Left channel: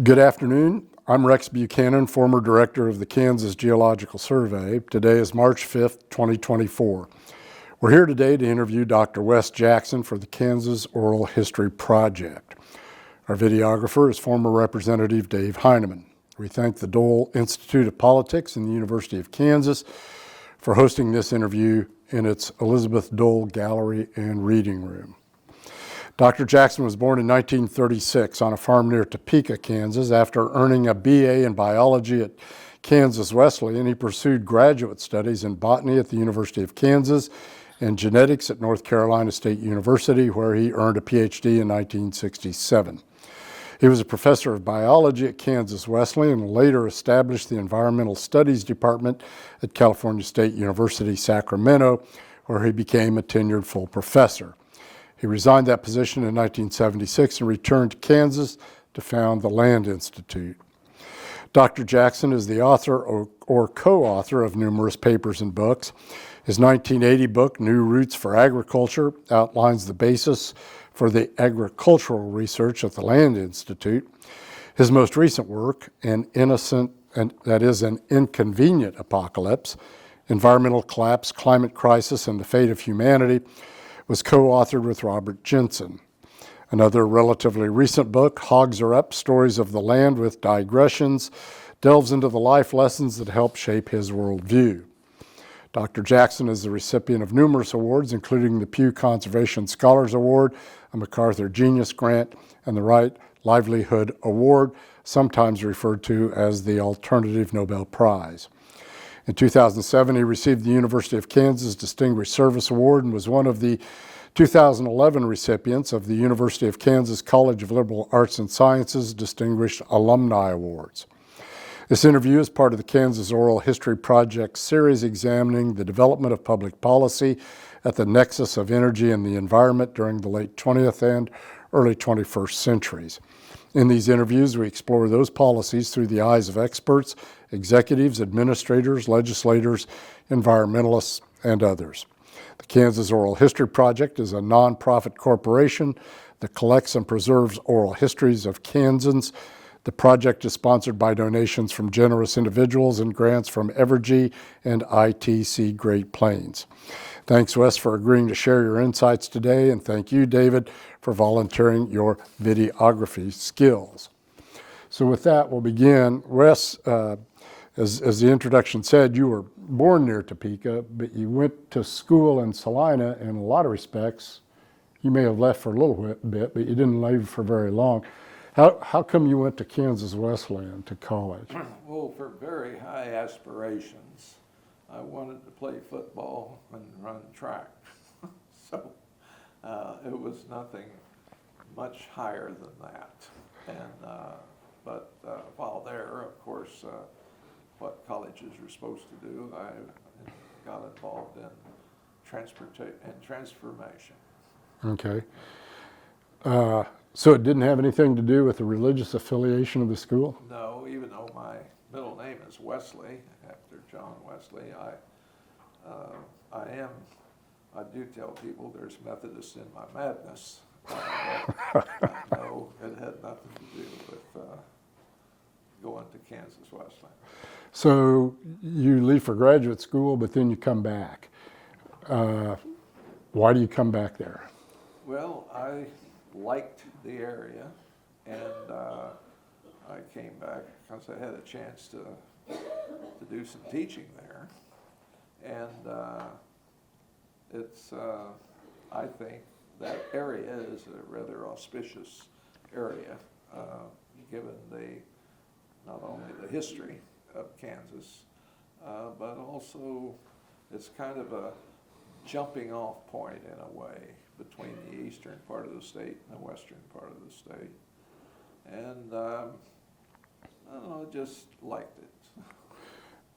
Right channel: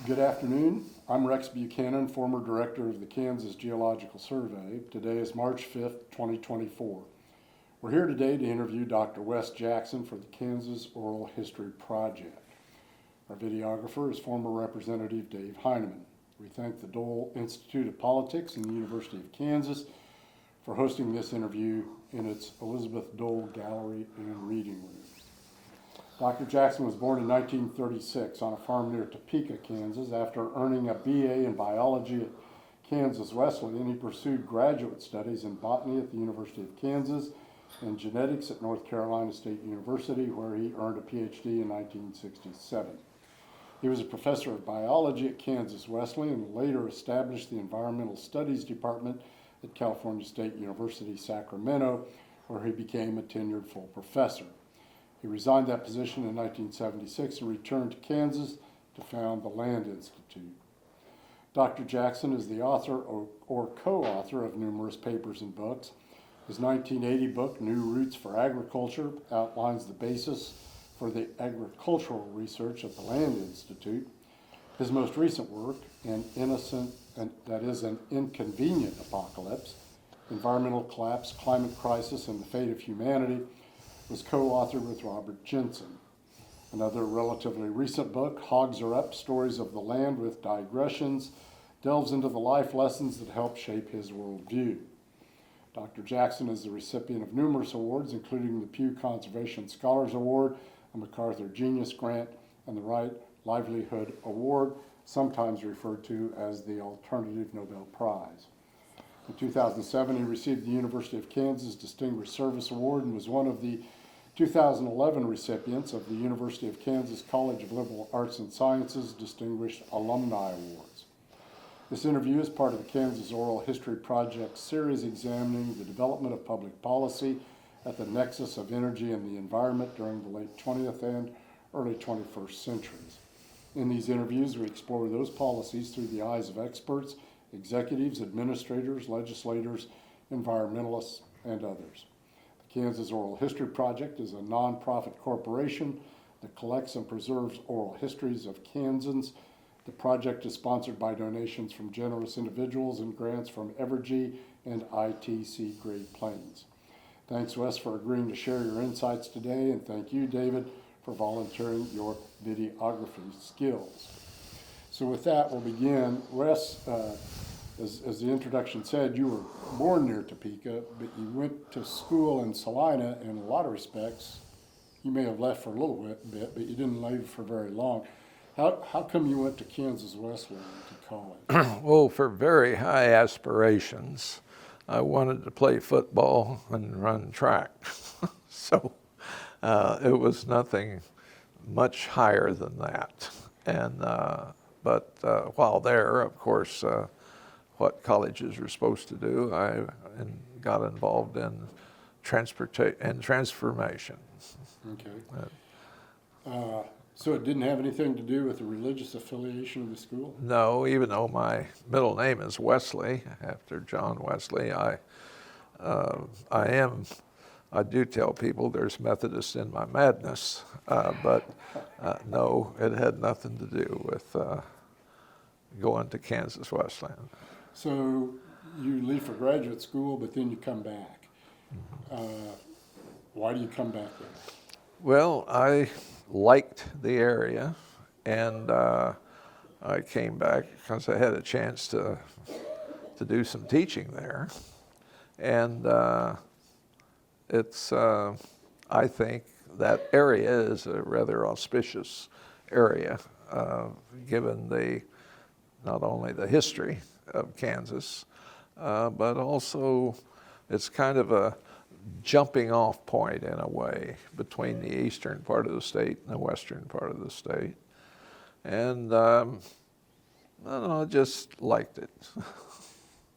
Good afternoon. I'm Rex Buchanan, former director of the Kansas Geological Survey. Today is March 5th, 2024. We're here today to interview Dr. Wes Jackson for the Kansas Oral History Project. Our videographer is former Representative Dave Heineman. We thank the Dole Institute of Politics and the University of Kansas for hosting this interview in its Elizabeth Dole Gallery and Reading Room. Dr. Jackson was born in 1936 on a farm near Topeka, Kansas. After earning a B.A. in Biology at Kansas Wesleyan, he pursued graduate studies in botany at the University of Kansas and genetics at North Carolina State University, where he earned a Ph.D. in 1967. He was a professor of biology at Kansas Wesleyan and later established the Environmental Studies Department at California State University, Sacramento, where he became a tenured full professor. He resigned that position in 1976 and returned to Kansas to found the Land Institute. Dr. Jackson is the author or co-author of numerous papers and books. His 1980 book, New Roots for Agriculture, outlines the basis for the agricultural research at the Land Institute. His most recent work, An Inconvenient Apocalypse, Environmental Collapse, Climate Crisis, and the Fate of Humanity, was co-authored with Robert Jensen. Another relatively recent book, Hogs Are Up, Stories of the Land with Digressions, delves into the life lessons that help shape his worldview. Dr. Jackson is the recipient of numerous awards, including the Pew Conservation Scholars Award, a MacArthur Genius Grant, and the Right Livelihood Award, sometimes referred to as the Alternative Nobel Prize. In 2007, he received the University of Kansas Distinguished Service Award and was one of the 2011 recipients of the University of Kansas College of Liberal Arts and Sciences Distinguished Alumni Awards. This interview is part of the Kansas Oral History Project series examining the development of public policy at the nexus of energy and the environment during the late 20th and early 21st centuries. In these interviews, we explore those policies through the eyes of experts, executives, administrators, legislators, environmentalists, and others. The Kansas Oral History Project is a nonprofit corporation that collects and preserves oral histories of Kansans. The project is sponsored by donations from generous individuals and grants from Evergy and ITC Great Plains. Thanks, Wes, for agreeing to share your insights today, and thank you, David, for volunteering your videography skills. So with that, we'll begin. Wes, as the introduction said, you were born near Topeka, but you went to school in Salina. In a lot of respects, you may have left for a little bit, but you didn't leave for very long. How come you went to Kansas Wesleyan to college? Well, for very high aspirations. I wanted to play football and run track. So it was nothing much higher than that. And but while there, of course, what colleges are supposed to do, I got involved in transformation. Okay. So it didn't have anything to do with the religious affiliation of the school? No, even though my middle name is Wesley, after John Wesley, I do tell people there's Methodist in my madness, but no, it had nothing to do with going to Kansas Wesleyan. So you leave for graduate school, but then you come back. Why do you come back there? Well, I liked the area, and I came back because I had a chance to do some teaching there. And I think that area is a rather auspicious area, given not only the history of Kansas, but also it's kind of a jumping off point in a way between the eastern part of the state and the western part of the state. And I don't know, I just liked it.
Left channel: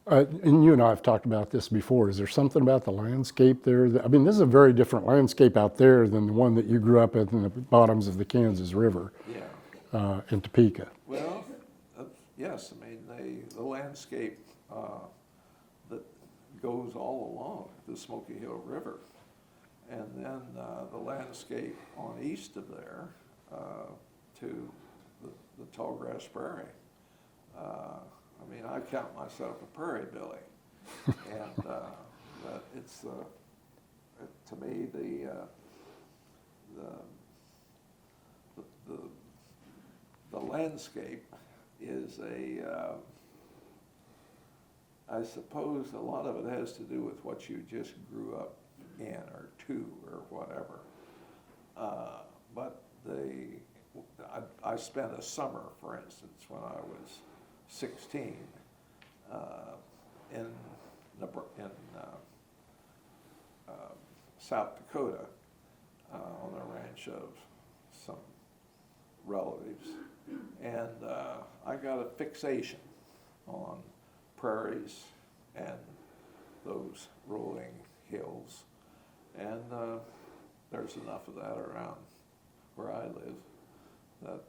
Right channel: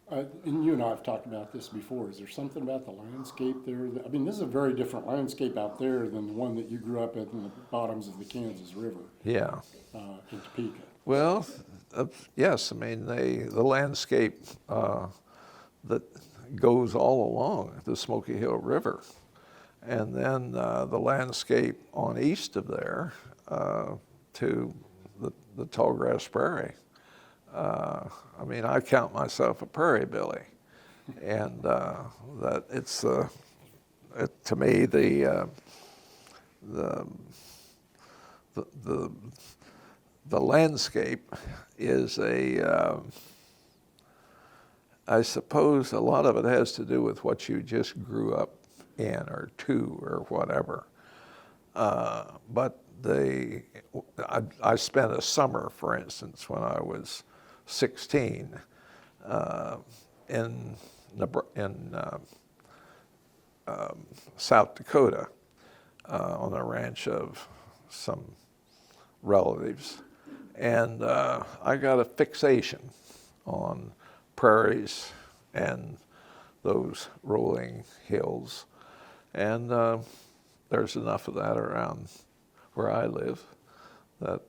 And you and I have talked about this before. Is there something about the landscape there? I mean, this is a very different landscape out there than the one that you grew up in the bottoms of the Kansas River. Yeah. In Topeka. Well, yes. I mean, the landscape that goes all along the Smoky Hill River, and then the landscape on east of there to the tall grass prairie. I mean, I count myself a prairie Billy, and that it's to me the landscape is I suppose a lot of it has to do with what you just grew up in or to or whatever. But I spent a summer, for instance, when I was 16 in South Dakota on a ranch of some relatives. And I got a fixation on prairies and those rolling hills. And there's enough of that around where I live that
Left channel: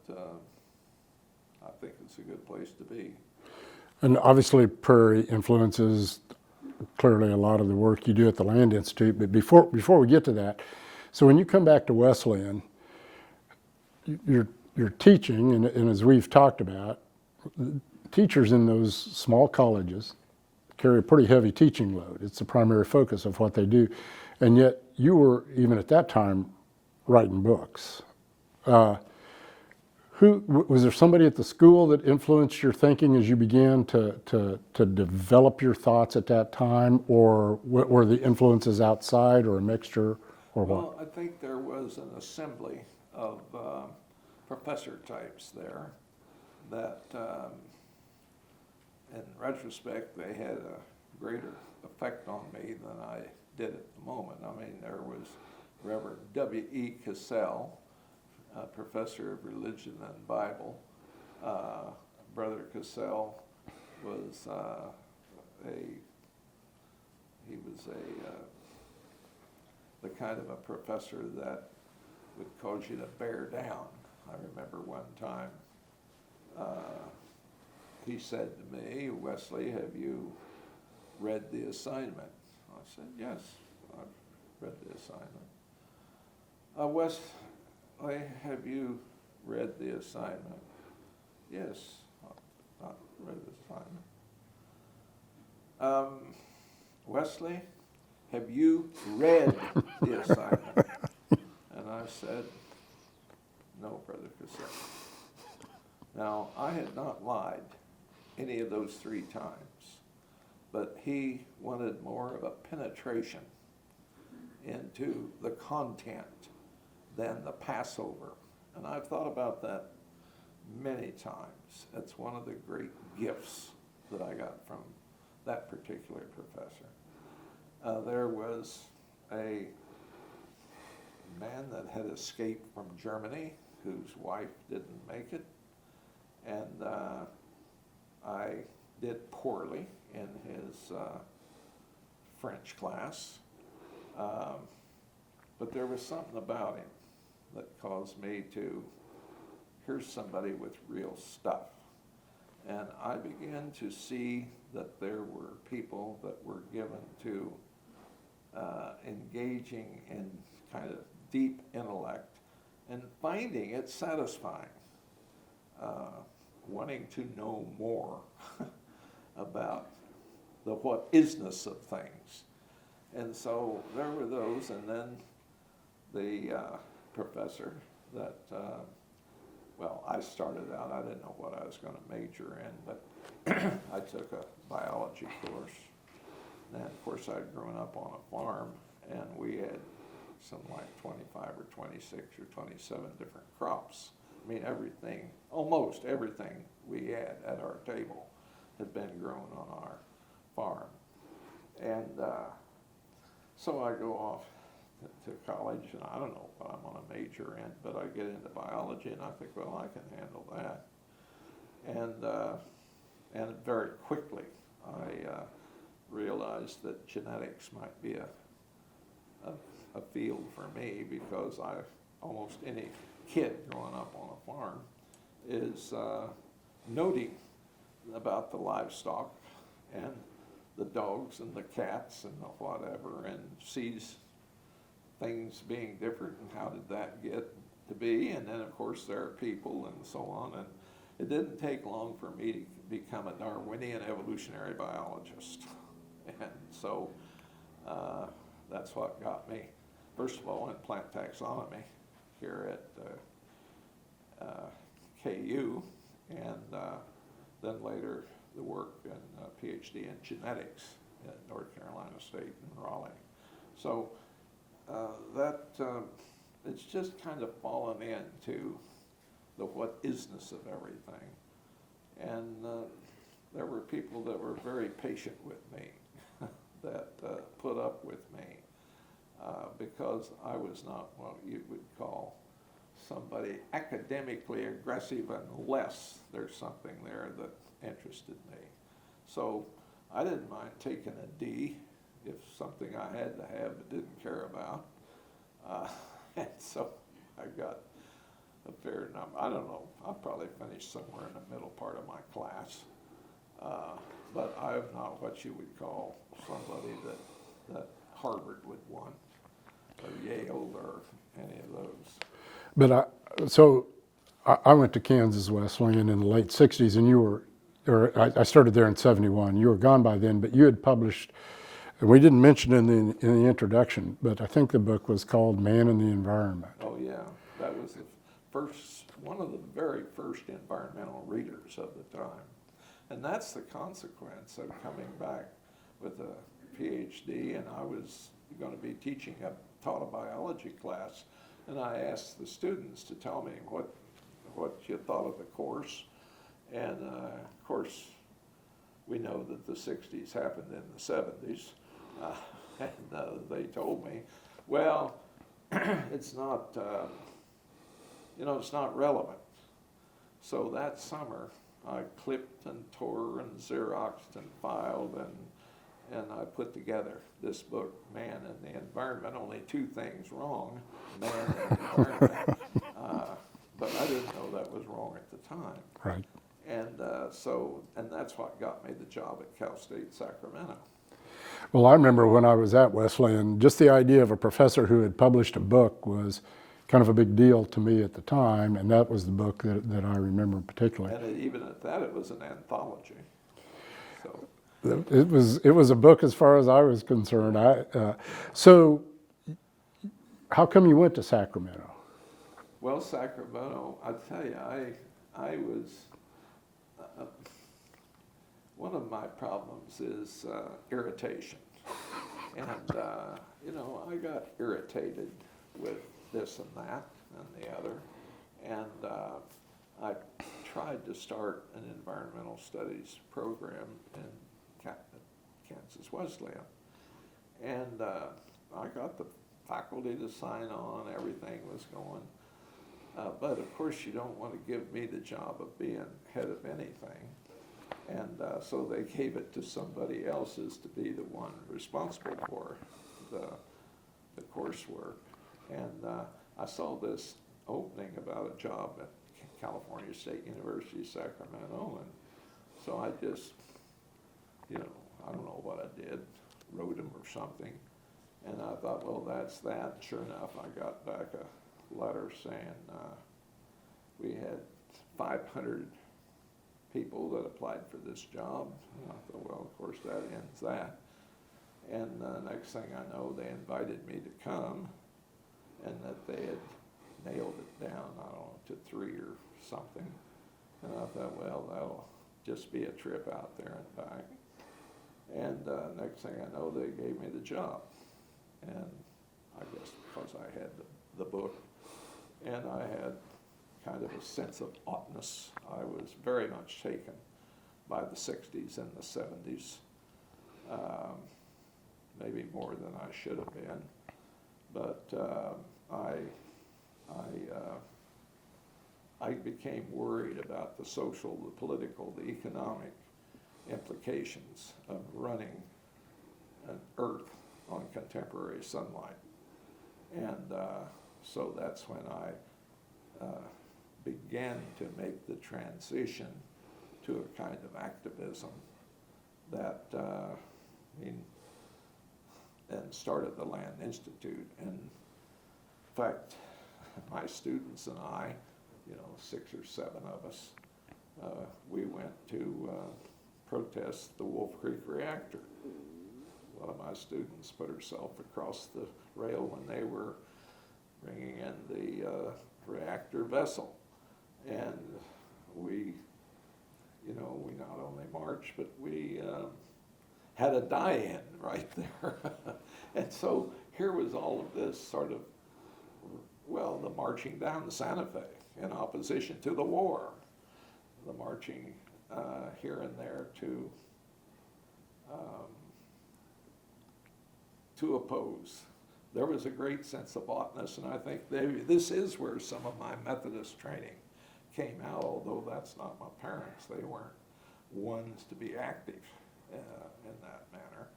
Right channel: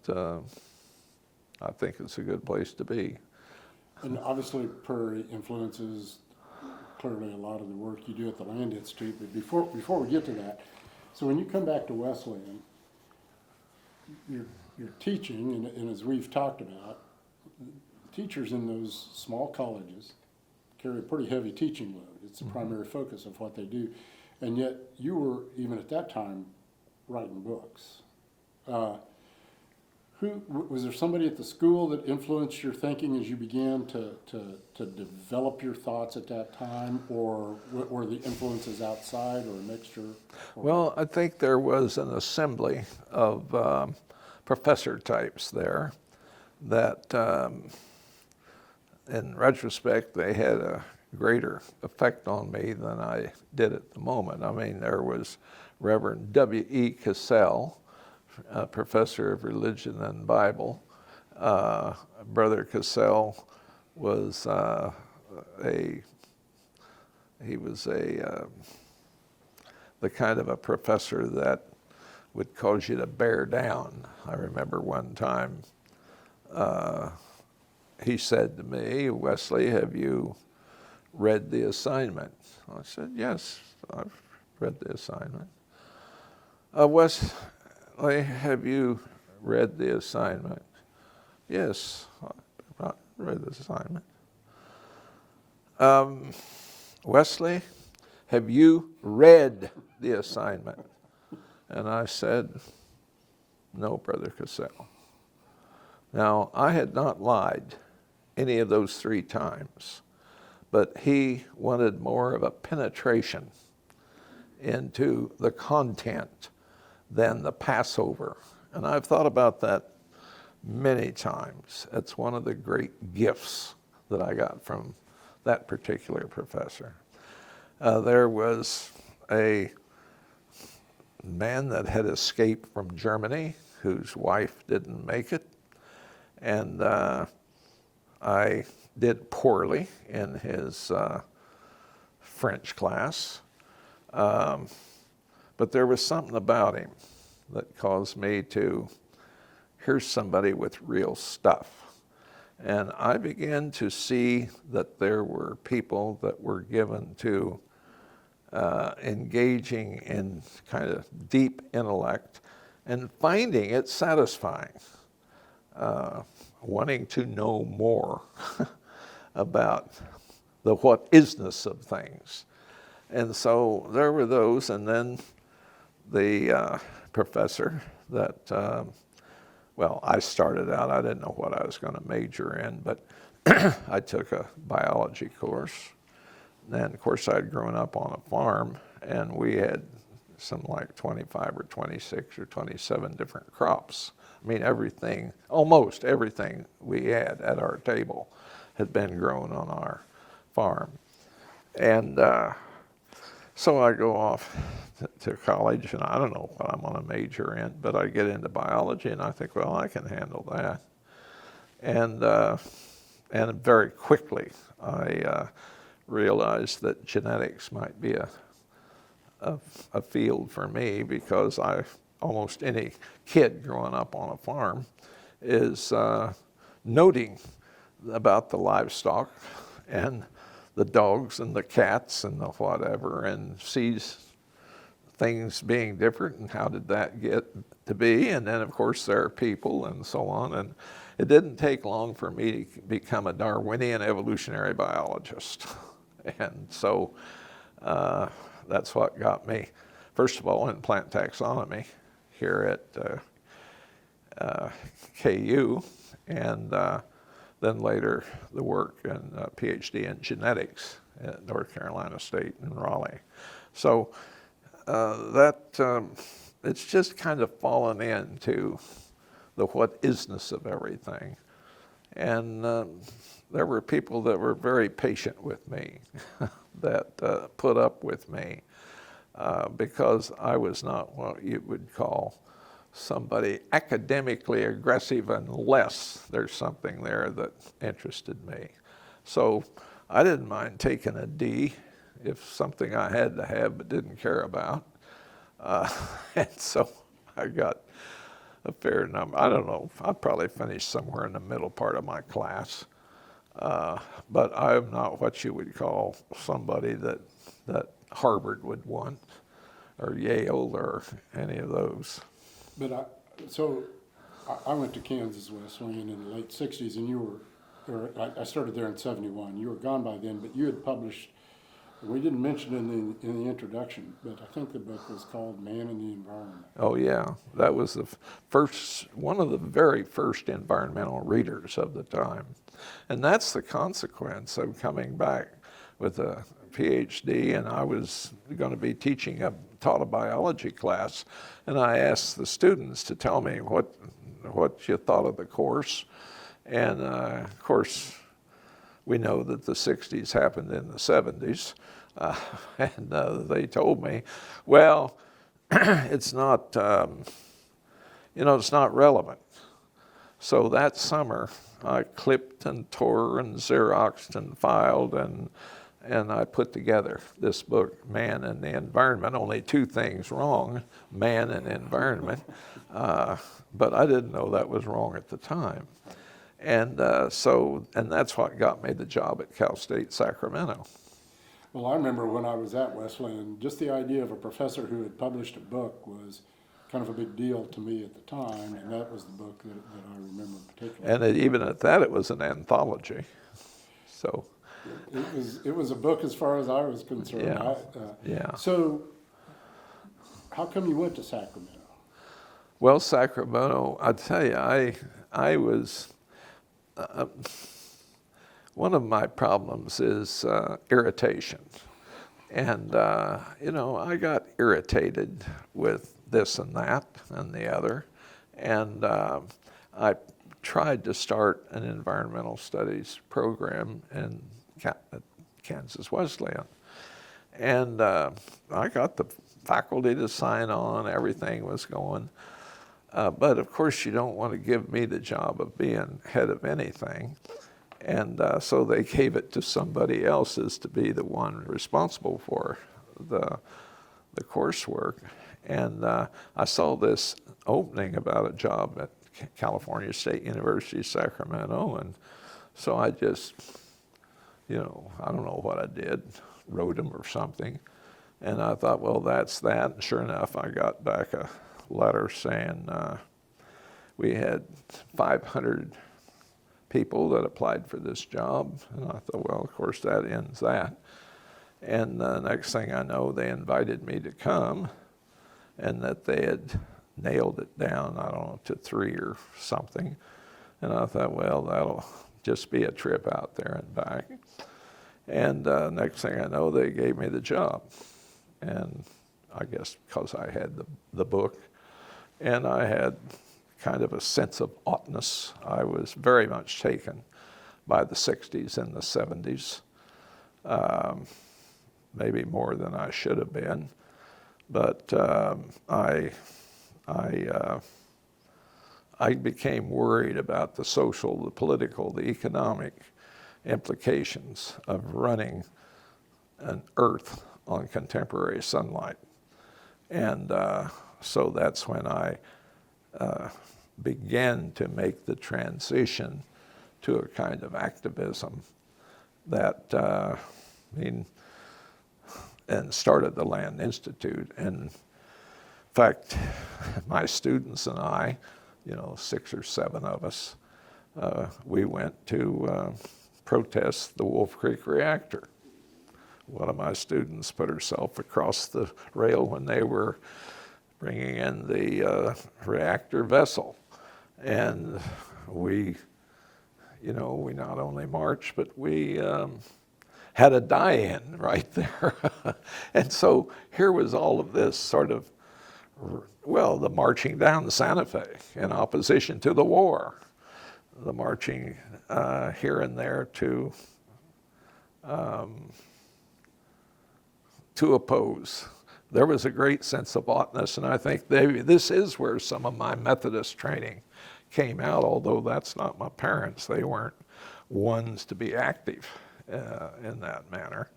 I think it's a good place to be. And obviously prairie influences clearly a lot of the work you do at the Land Institute. But before we get to that, so when you come back to Wesleyan, you're teaching, and as we've talked about, teachers in those small colleges carry a pretty heavy teaching load. It's the primary focus of what they do. And yet you were, even at that time, writing books. Was there somebody at the school that influenced your thinking as you began to develop your thoughts at that time, or were the influences outside or a mixture? Or well, what? I think there was an assembly of professor types there that, in retrospect, they had a greater effect on me than I did at the moment. I mean, there was Reverend W.E. Cassell, professor of religion and Bible. Brother Cassell was the kind of a professor that would cause you to bear down. I remember one time he said to me, "Wesley, have you read the assignment?" I said, "Yes, I've read the assignment." Wesley, have you read the assignment? "Yes, I've read the assignment." Wesley, have you read the assignment? And I said, "No, Brother Cassell." Now, I had not lied any of those 3 times, but he wanted more of a penetration into the content than the Passover. And I've thought about that many times. It's one of the great gifts that I got from that particular professor. There was a man that had escaped from Germany whose wife didn't make it, and I did poorly in his French class, but there was something about him that caused me to, here's somebody with real stuff. And I began to see that there were people that were given to engaging in kind of deep intellect and finding it satisfying, wanting to know more about the what-isness of things. And so there were those, and then the professor that, well, I started out, I didn't know what I was going to major in, but I took a biology course. And of course, I'd grown up on a farm, and we had something like 25 or 26 or 27 different crops. I mean, everything, almost everything we had at our table had been grown on our farm. And so I go off to college, and I don't know what I'm going to major in, but I get into biology, and I think, well, I can handle that. And very quickly, I realized that genetics might be a field for me, because almost any kid growing up on a farm is noting about the livestock and the dogs and the cats and the whatever, and sees things being different, and how did that get to be? And then, of course, there are people and so on. it didn't take long for me to become a Darwinian evolutionary biologist. And so that's what got me, first of all, in plant taxonomy here at KU, and then later the work in Ph.D. in genetics at North Carolina State in Raleigh. So it's just kind of fallen into the what isness of everything. And there were people that were very patient with me, that put up with me, because I was not what you would call somebody academically aggressive unless there's something there that interested me. So I didn't mind taking a D if something I had to have but didn't care about. And so I got a fair number. I don't know, I'd probably finish somewhere in the middle part of my class. But I'm not what you would call somebody that Harvard would want, or Yale, or any of those. But I went to Kansas Wesleyan in the late 60s, and I started there in 71. You were gone by then, but you had published, and we didn't mention it in the introduction, but I think the book was called Man and the Environment. Oh yeah, that was one of the very first environmental readers of the time. And that's the consequence of coming back with a Ph.D., and I was going to be taught a biology class, and I asked the students to tell me what you thought of the course. And of course, we know that the 60s happened in the 70s, and they told me, well, it's not, it's not relevant. So that summer, I clipped and tore and Xeroxed and filed, and I put together this book, Man and the Environment. Only two things wrong, man and environment. But I didn't know that was wrong at the time. Right. And and that's what got me the job at Cal State Sacramento. Well, I remember when I was at Wesleyan, just the idea of a professor who had published a book was kind of a big deal to me at the time, and that was the book that I remember particularly. And even at that, it was an anthology. So it was a book as far as I was concerned. Yeah. So how come you went to Sacramento? Well, Sacramento, I tell you, I was, one of my problems is irritation. And, I got irritated with this and that and the other. And I tried to start an environmental studies program at Kansas Wesleyan. And I got the faculty to sign on, everything was going. But of course, you don't want to give me the job of being head of anything. And so they gave it to somebody else as to be the one responsible for the coursework. And I saw this opening about a job at California State University, Sacramento. And so I just, I don't know what I did, wrote them or something. And I thought, well, that's that. And sure enough, I got back a letter saying we had 500 people that applied for this job. And I thought, well, of course, that ends that. And the next thing I know, they invited me to come, and that they had nailed it down, I don't know, to 3 or something. And I thought, well, that'll just be a trip out there and back. And next thing I know, they gave me the job. And I guess because I had the book, and I had kind of a sense of oughtness. I was very much taken by the 60s and the 70s, maybe more than I should have been. But I became worried about the social, the political, the economic implications of running an Earth on contemporary sunlight. And so that's when I began to make the transition to a kind of activism that, and started the Land Institute. And in fact, my students and I, 6 or 7 of us, we went to protest the Wolf Creek reactor. One of my students put herself across the rail when they were bringing in the reactor vessel. And we not only marched, but we had a die-in right there. And so here was all of this sort of, well, the marching down the Santa Fe in opposition to the war, the marching here and there to oppose. There was a great sense of oughtness, and I think this is where some of my Methodist training came out, although that's not my parents. They weren't ones to be active in that manner.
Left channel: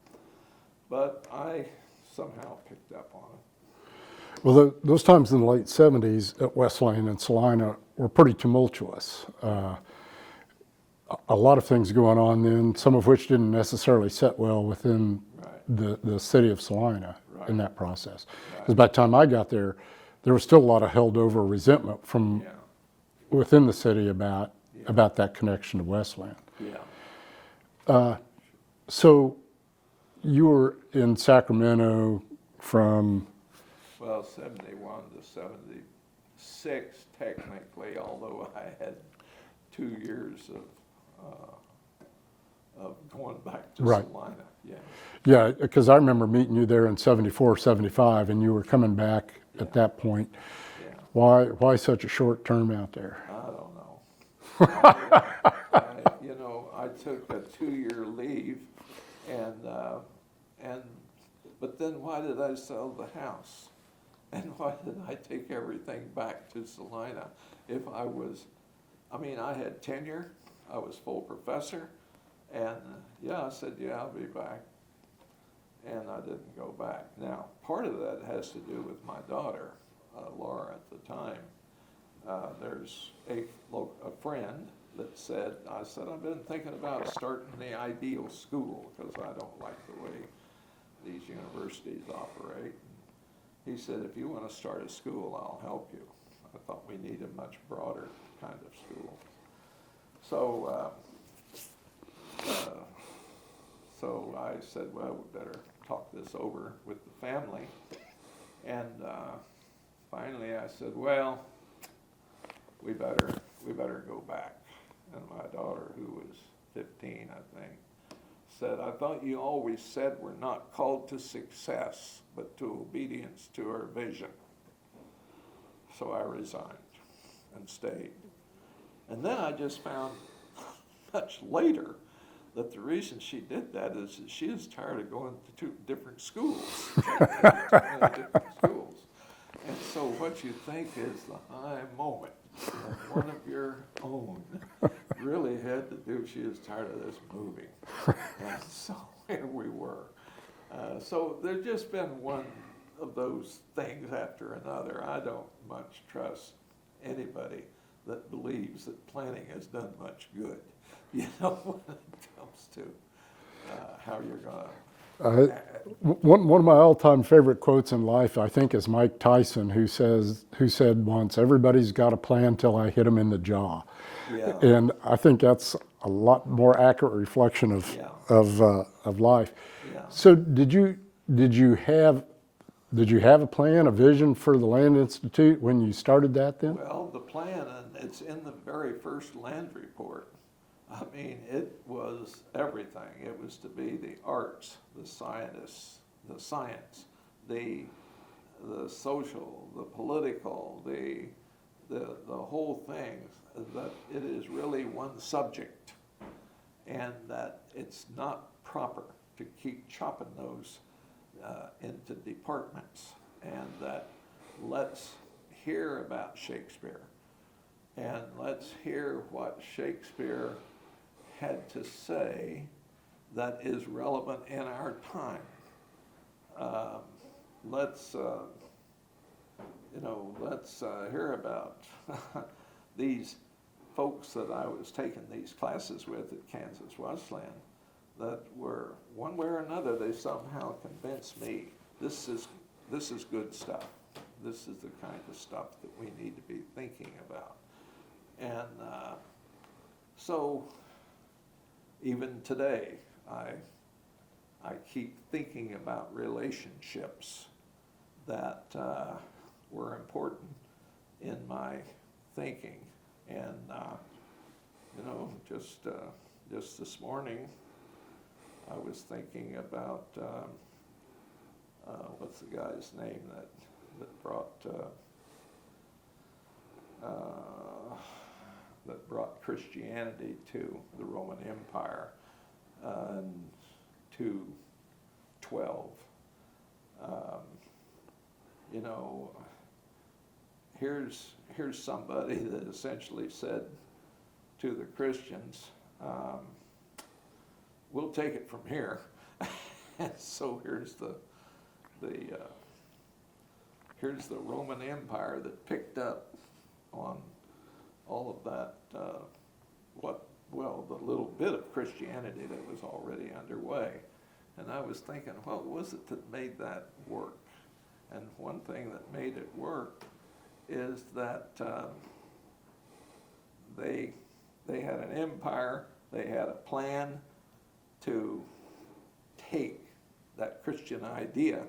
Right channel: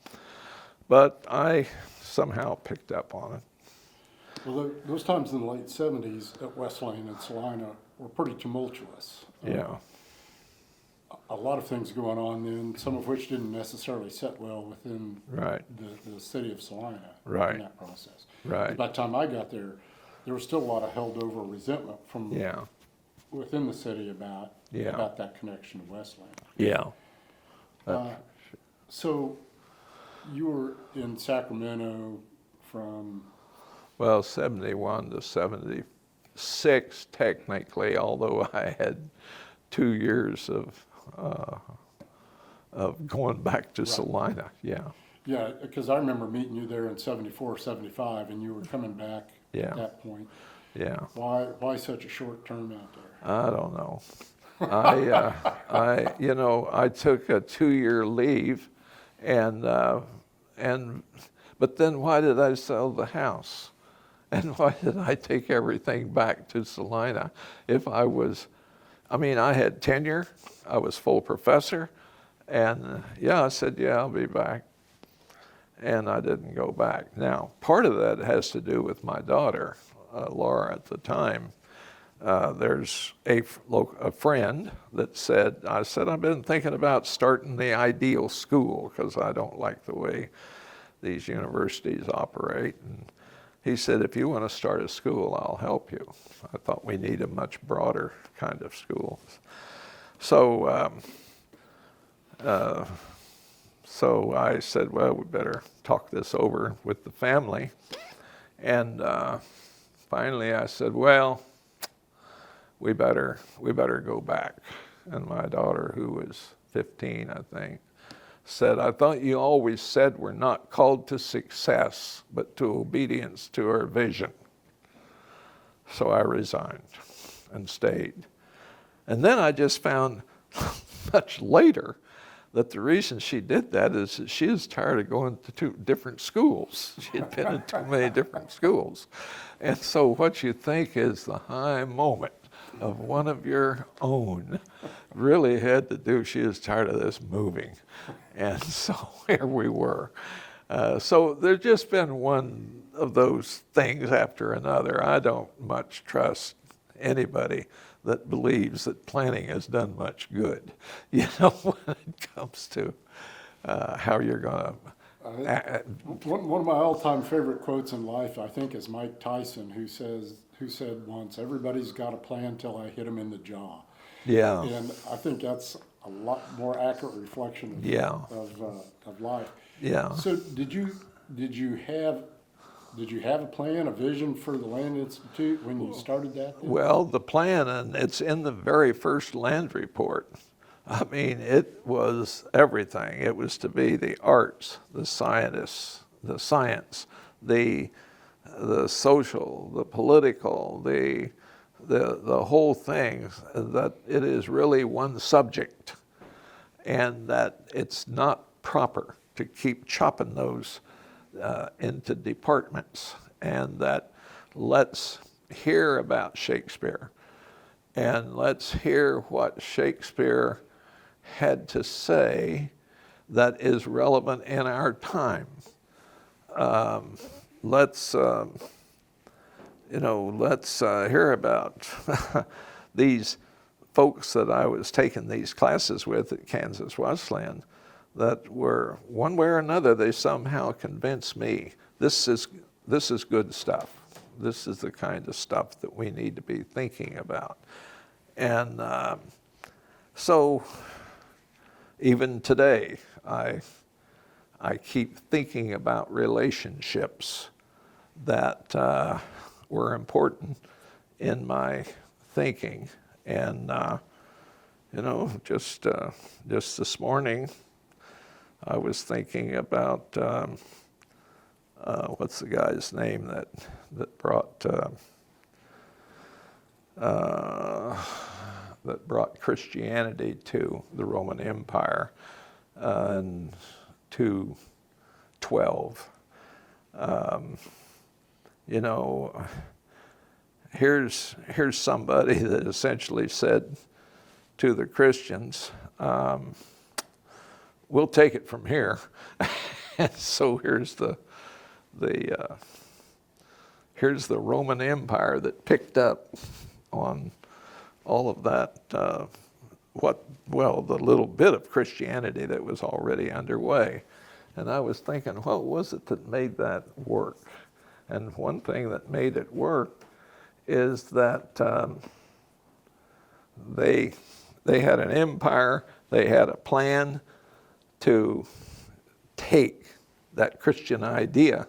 But I somehow picked up on it. Well, those times in the late 70s at Wesleyan and Salina were pretty tumultuous. Yeah. A lot of things going on then, some of which didn't necessarily set well within Right. the city of Salina Right. in that process. Right. 'Cause by the time I got there was still a lot of held over resentment from Yeah. within the city about Yeah. that connection to Wesleyan. Yeah. So you were in Sacramento from, Well, 71 to 76 technically, although I had 2 years of going back to Right. Salina. Yeah. yeah, because I remember meeting you there in 74, 75, and you were coming back Yeah. at that point. Yeah. Why such a short term out there? I don't know. I took a 2-year leave, but then why did I sell the house? And why did I take everything back to Salina? I had tenure, I was full professor, and I said, I'll be back. And I didn't go back. Now, part of that has to do with my daughter, Laura, at the time. There's a friend that said, I've been thinking about starting the ideal school because I don't like the way these universities operate. And he said, if you want to start a school, I'll help you. I thought we need a much broader kind of school. So I said, well, we better talk this over with the family. And finally I said, well, we better go back. And my daughter, who was 15, I think, said, I thought you always said we're not called to success, but to obedience to our vision. So I resigned and stayed. And then I just found much later that the reason she did that is that she was tired of going to 2 different schools. She had been in too many different schools. And so what you think is the high moment of one of your own really had to do, she was tired of this moving. And so here we were. So there's just been one of those things after another. I don't much trust anybody that believes that planning has done much good, when it comes to how you're going to. One of my all-time favorite quotes in life, I think, is Mike Tyson, who said once, "Everybody's got a plan till I hit him in the jaw." Yeah. And I think that's a lot more accurate reflection of life. Yeah. So did you have a plan, a vision for the Land Institute when you started that then? Well, the plan, and it's in the very first land report. I mean, it was everything. It was to be the arts, the science, the social, the political, the whole thing, that it is really one subject, and that it's not proper to keep chopping those into departments, and that let's hear about Shakespeare, and let's hear what Shakespeare had to say that is relevant in our time. Let's hear about these folks that I was taking these classes with at Kansas Wesleyan that were, one way or another, they somehow convinced me this is good stuff. This is the kind of stuff that we need to be thinking about. And So even today, I keep thinking about relationships that were important in my thinking. And, just this morning, I was thinking about, what's the guy's name that brought Christianity to the Roman Empire in 212. Here's somebody that essentially said to the Christians, we'll take it from here. And so here's the Roman Empire that picked up on all of that, the little bit of Christianity that was already underway. And I was thinking, what was it that made that work? And one thing that made it work is that they had an empire, they had a plan to take that Christian idea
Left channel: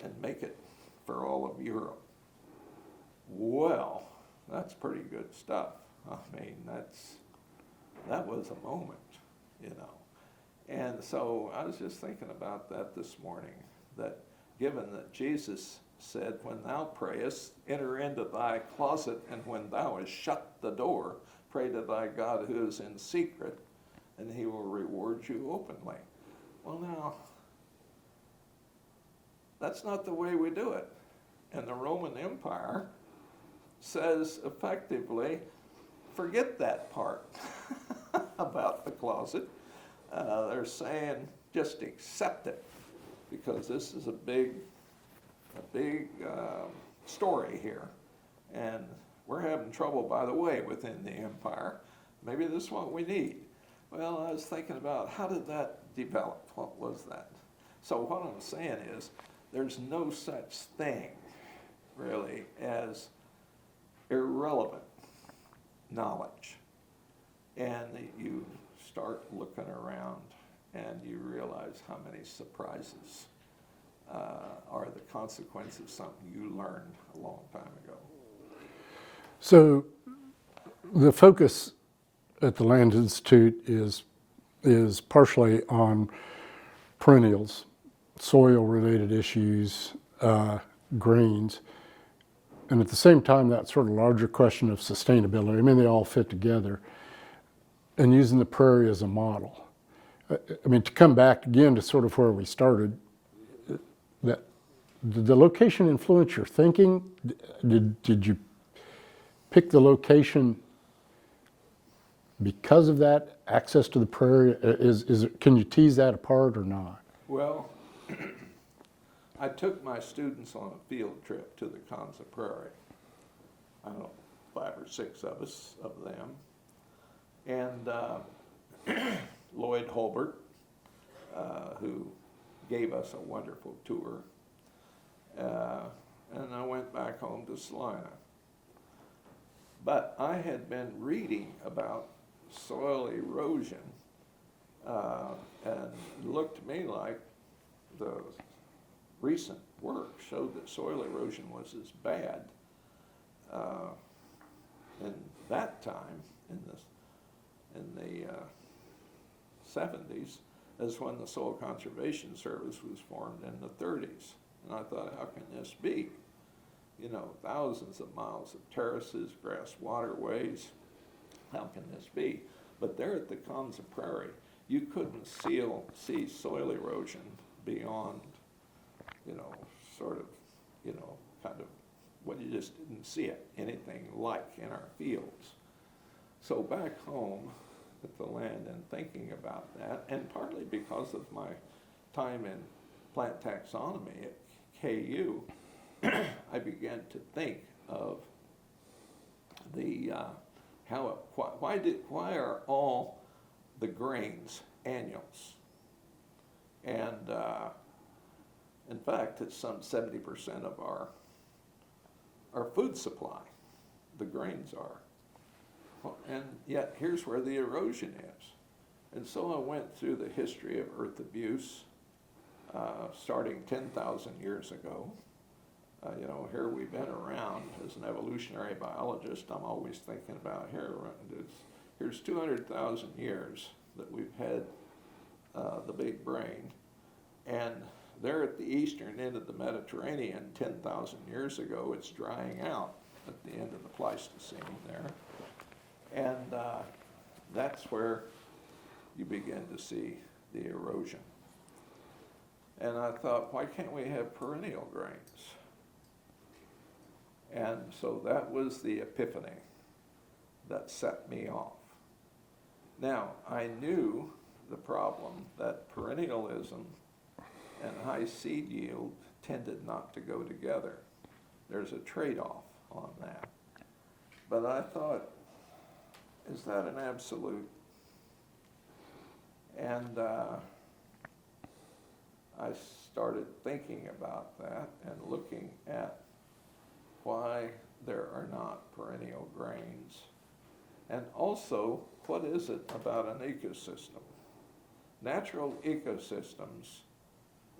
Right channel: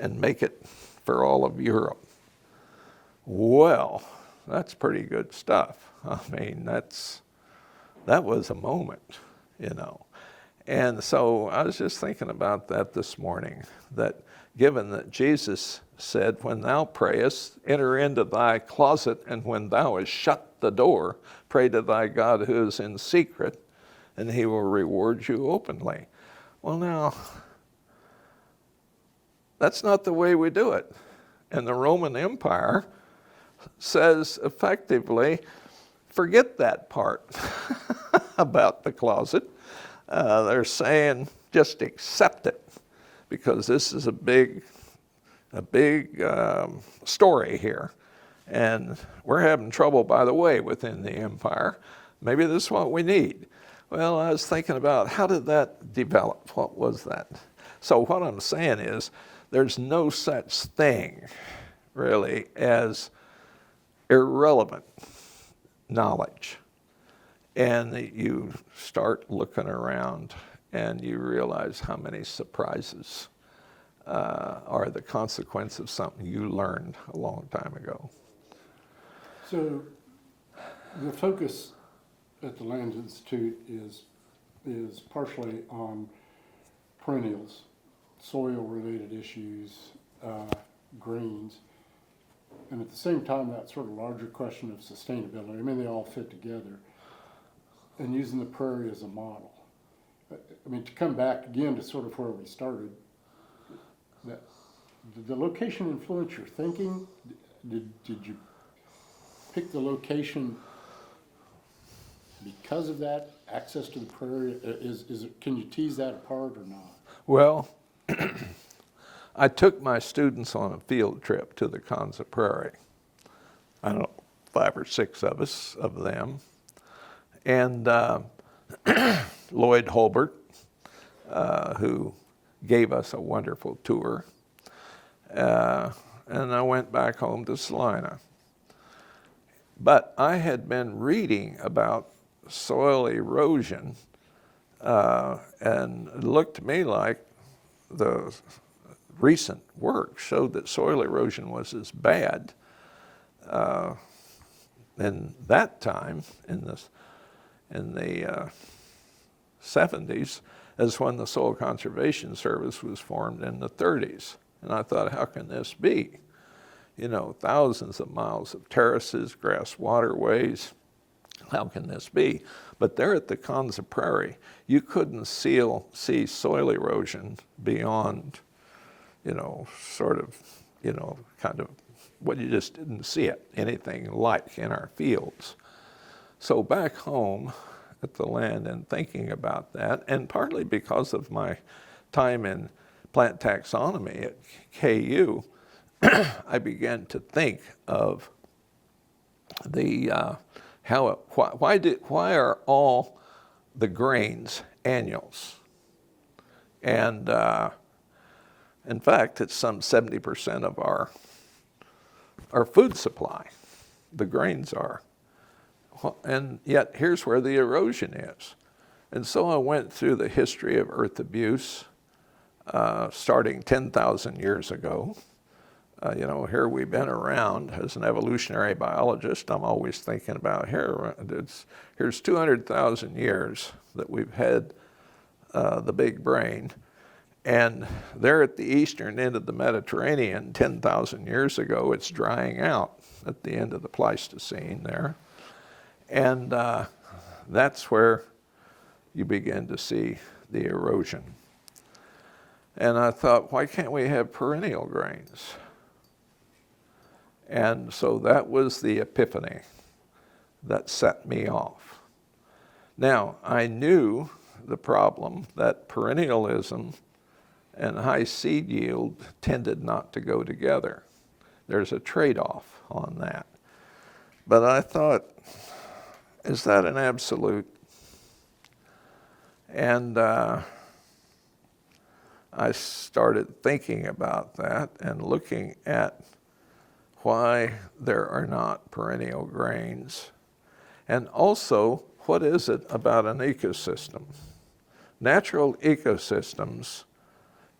and make it for all of Europe. Well, that's pretty good stuff. I mean, that was a moment, And so I was just thinking about that this morning, that given that Jesus said, when thou prayest, enter into thy closet, and when thou hast shut the door, pray to thy God who is in secret, and he will reward you openly. Well, now, that's not the way we do it. And the Roman Empire says effectively, forget that part about the closet. They're saying, just accept it, because this is a big story here. And we're having trouble, by the way, within the empire. Maybe this is what we need. Well, I was thinking about, how did that develop? What was that? So what I'm saying is, there's no such thing, really, as irrelevant knowledge. And you start looking around and you realize how many surprises are the consequence of something you learned a long time ago. So the focus at the Land Institute is partially on perennials, soil-related issues, greens, and at the same time, that sort of larger question of sustainability. I mean, they all fit together, and using the prairie as a model. I mean, to come back again to sort of where we started, that did the location influence your thinking? Did you pick the location because of that access to the prairie? Can you tease that apart or not? Well, I took my students on a field trip to the Kansas Prairie. I don't know, 5 or 6 of them. And Lloyd Holbert, who gave us a wonderful tour. And I went back home to Salina. But I had been reading about soil erosion, and it looked to me like the recent work showed that soil erosion was as bad in that time, in the 70s, as when the Soil Conservation Service was formed in the 30s. And I thought, how can this be? Thousands of miles of terraces, grass waterways. How can this be? But there at the Kansas Prairie, you couldn't see soil erosion beyond, kind of, well, you just didn't see it, anything like in our fields. So back home at the land and thinking about that, and partly because of my time in plant taxonomy at KU, I began to think of the why are all the grains annuals? And in fact, it's some 70% of our food supply. The grains are. And yet here's where the erosion is. And so I went through the history of earth abuse, starting 10,000 years ago. Here we've been around as an evolutionary biologist. I'm always thinking about here's 200,000 years that we've had the big brain. And there at the eastern end of the Mediterranean, 10,000 years ago, it's drying out at the end of the Pleistocene there. And that's where you begin to see the erosion. And I thought, why can't we have perennial grains? And so that was the epiphany that set me off. Now, I knew the problem that perennialism and high seed yield tended not to go together. There's a trade-off on that. But I thought, is that an absolute? And I started thinking about that and looking at why there are not perennial grains. And also, what is it about an ecosystem? Natural ecosystems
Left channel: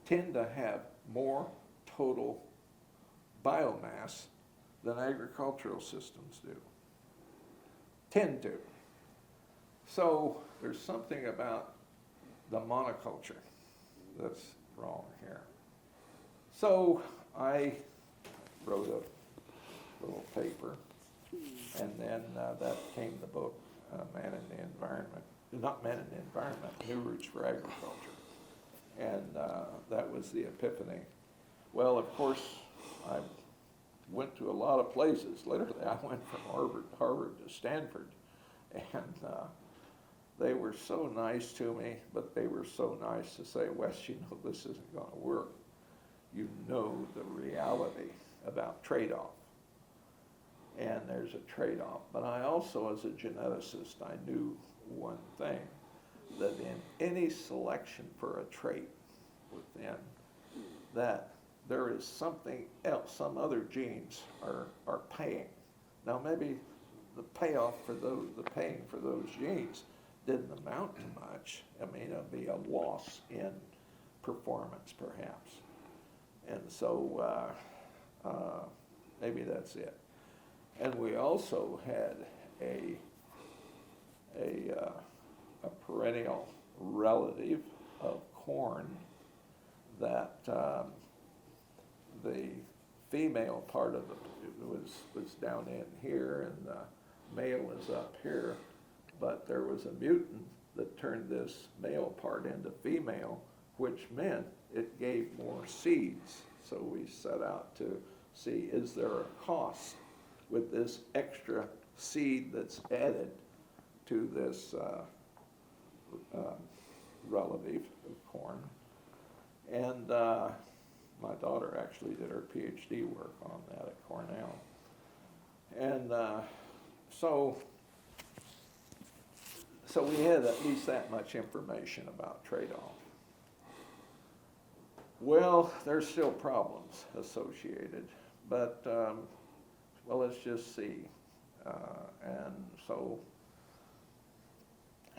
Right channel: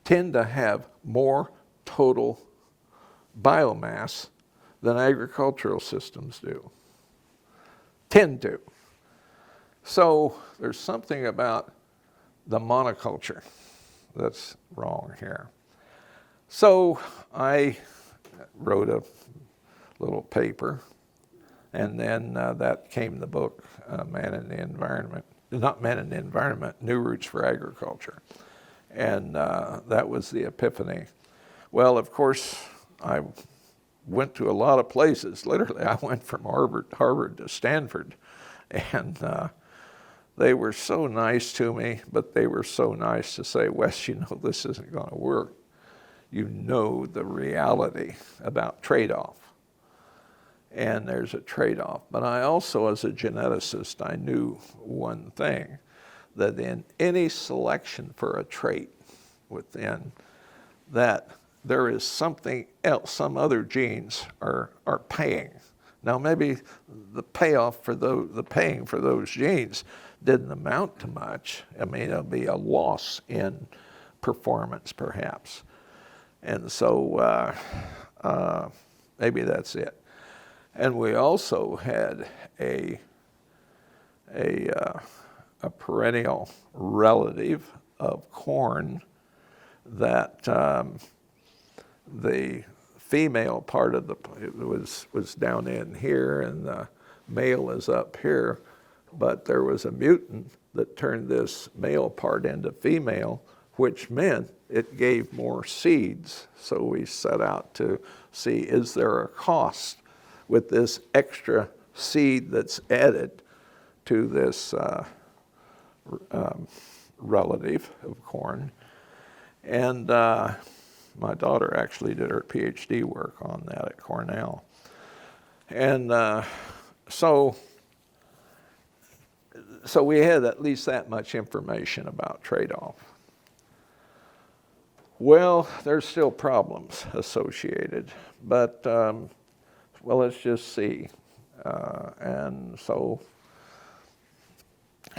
tend to have more total biomass than agricultural systems do. Tend to. So there's something about the monoculture that's wrong here. So I wrote a little paper, and then that came the book, Man in the Environment. Not Man in the Environment, New Roots for Agriculture. And that was the epiphany. Well, of course, I went to a lot of places. Literally, I went from Harvard to Stanford. And they were so nice to me, but they were so nice to say, Wes, this isn't going to work. You know the reality about trade-off. And there's a trade-off. But I also, as a geneticist, I knew one thing, that in any selection for a trait within, that there is something else, some other genes are paying. Now maybe the payoff for the paying for those genes didn't amount to much. I mean, it'll be a loss in performance perhaps. And so maybe that's it. And we also had a perennial relative of corn that the female part of it was down in here, and the male is up here, but there was a mutant that turned this male part into female, which meant it gave more seeds. So we set out to see, is there a cost with this extra seed that's added to this relative of corn? And my daughter actually did her Ph.D. work on that at Cornell. And so we had at least that much information about trade-off. Well, there's still problems associated, but well, let's just see. And so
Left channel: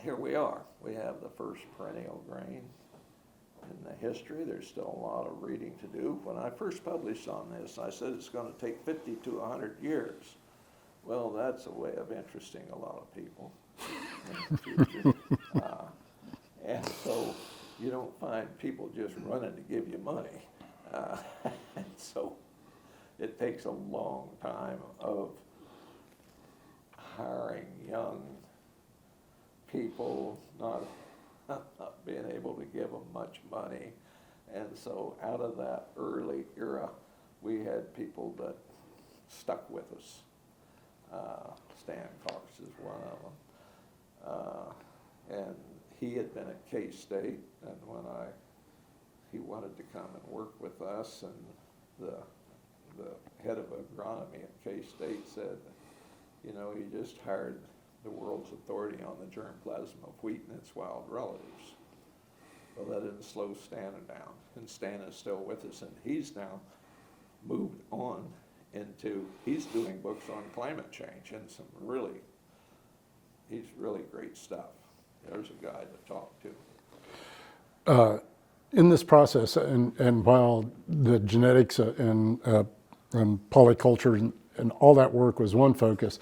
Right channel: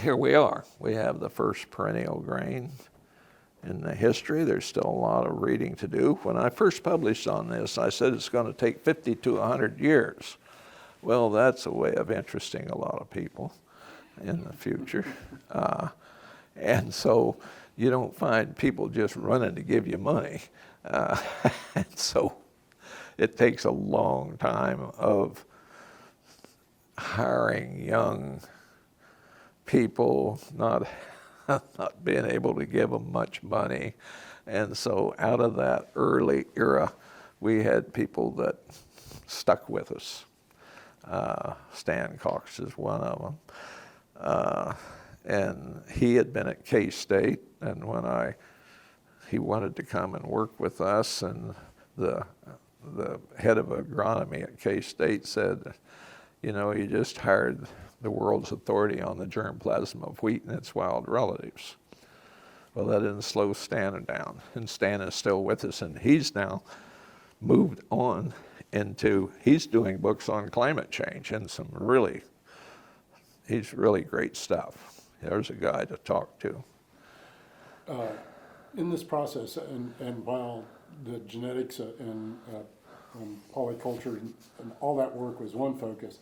here we are. We have the first perennial grain in the history. There's still a lot of reading to do. When I first published on this, I said it's going to take 50 to 100 years. Well, that's a way of interesting a lot of people in the future. And so you don't find people just running to give you money. And so it takes a long time of hiring young people, not being able to give them much money. And so out of that early era, we had people that stuck with us. Stan Cox is one of them. And he had been at K-State, and when he wanted to come and work with us, and the head of agronomy at K-State said, you just hired the world's authority on the germplasm of wheat and its wild relatives. Well, that didn't slow Stan down, and Stan is still with us, and he's now moved on he's doing books on climate change and some really he's really great stuff. There's a guy to talk to. In this process, and while the genetics and polyculture and all that work was one focus,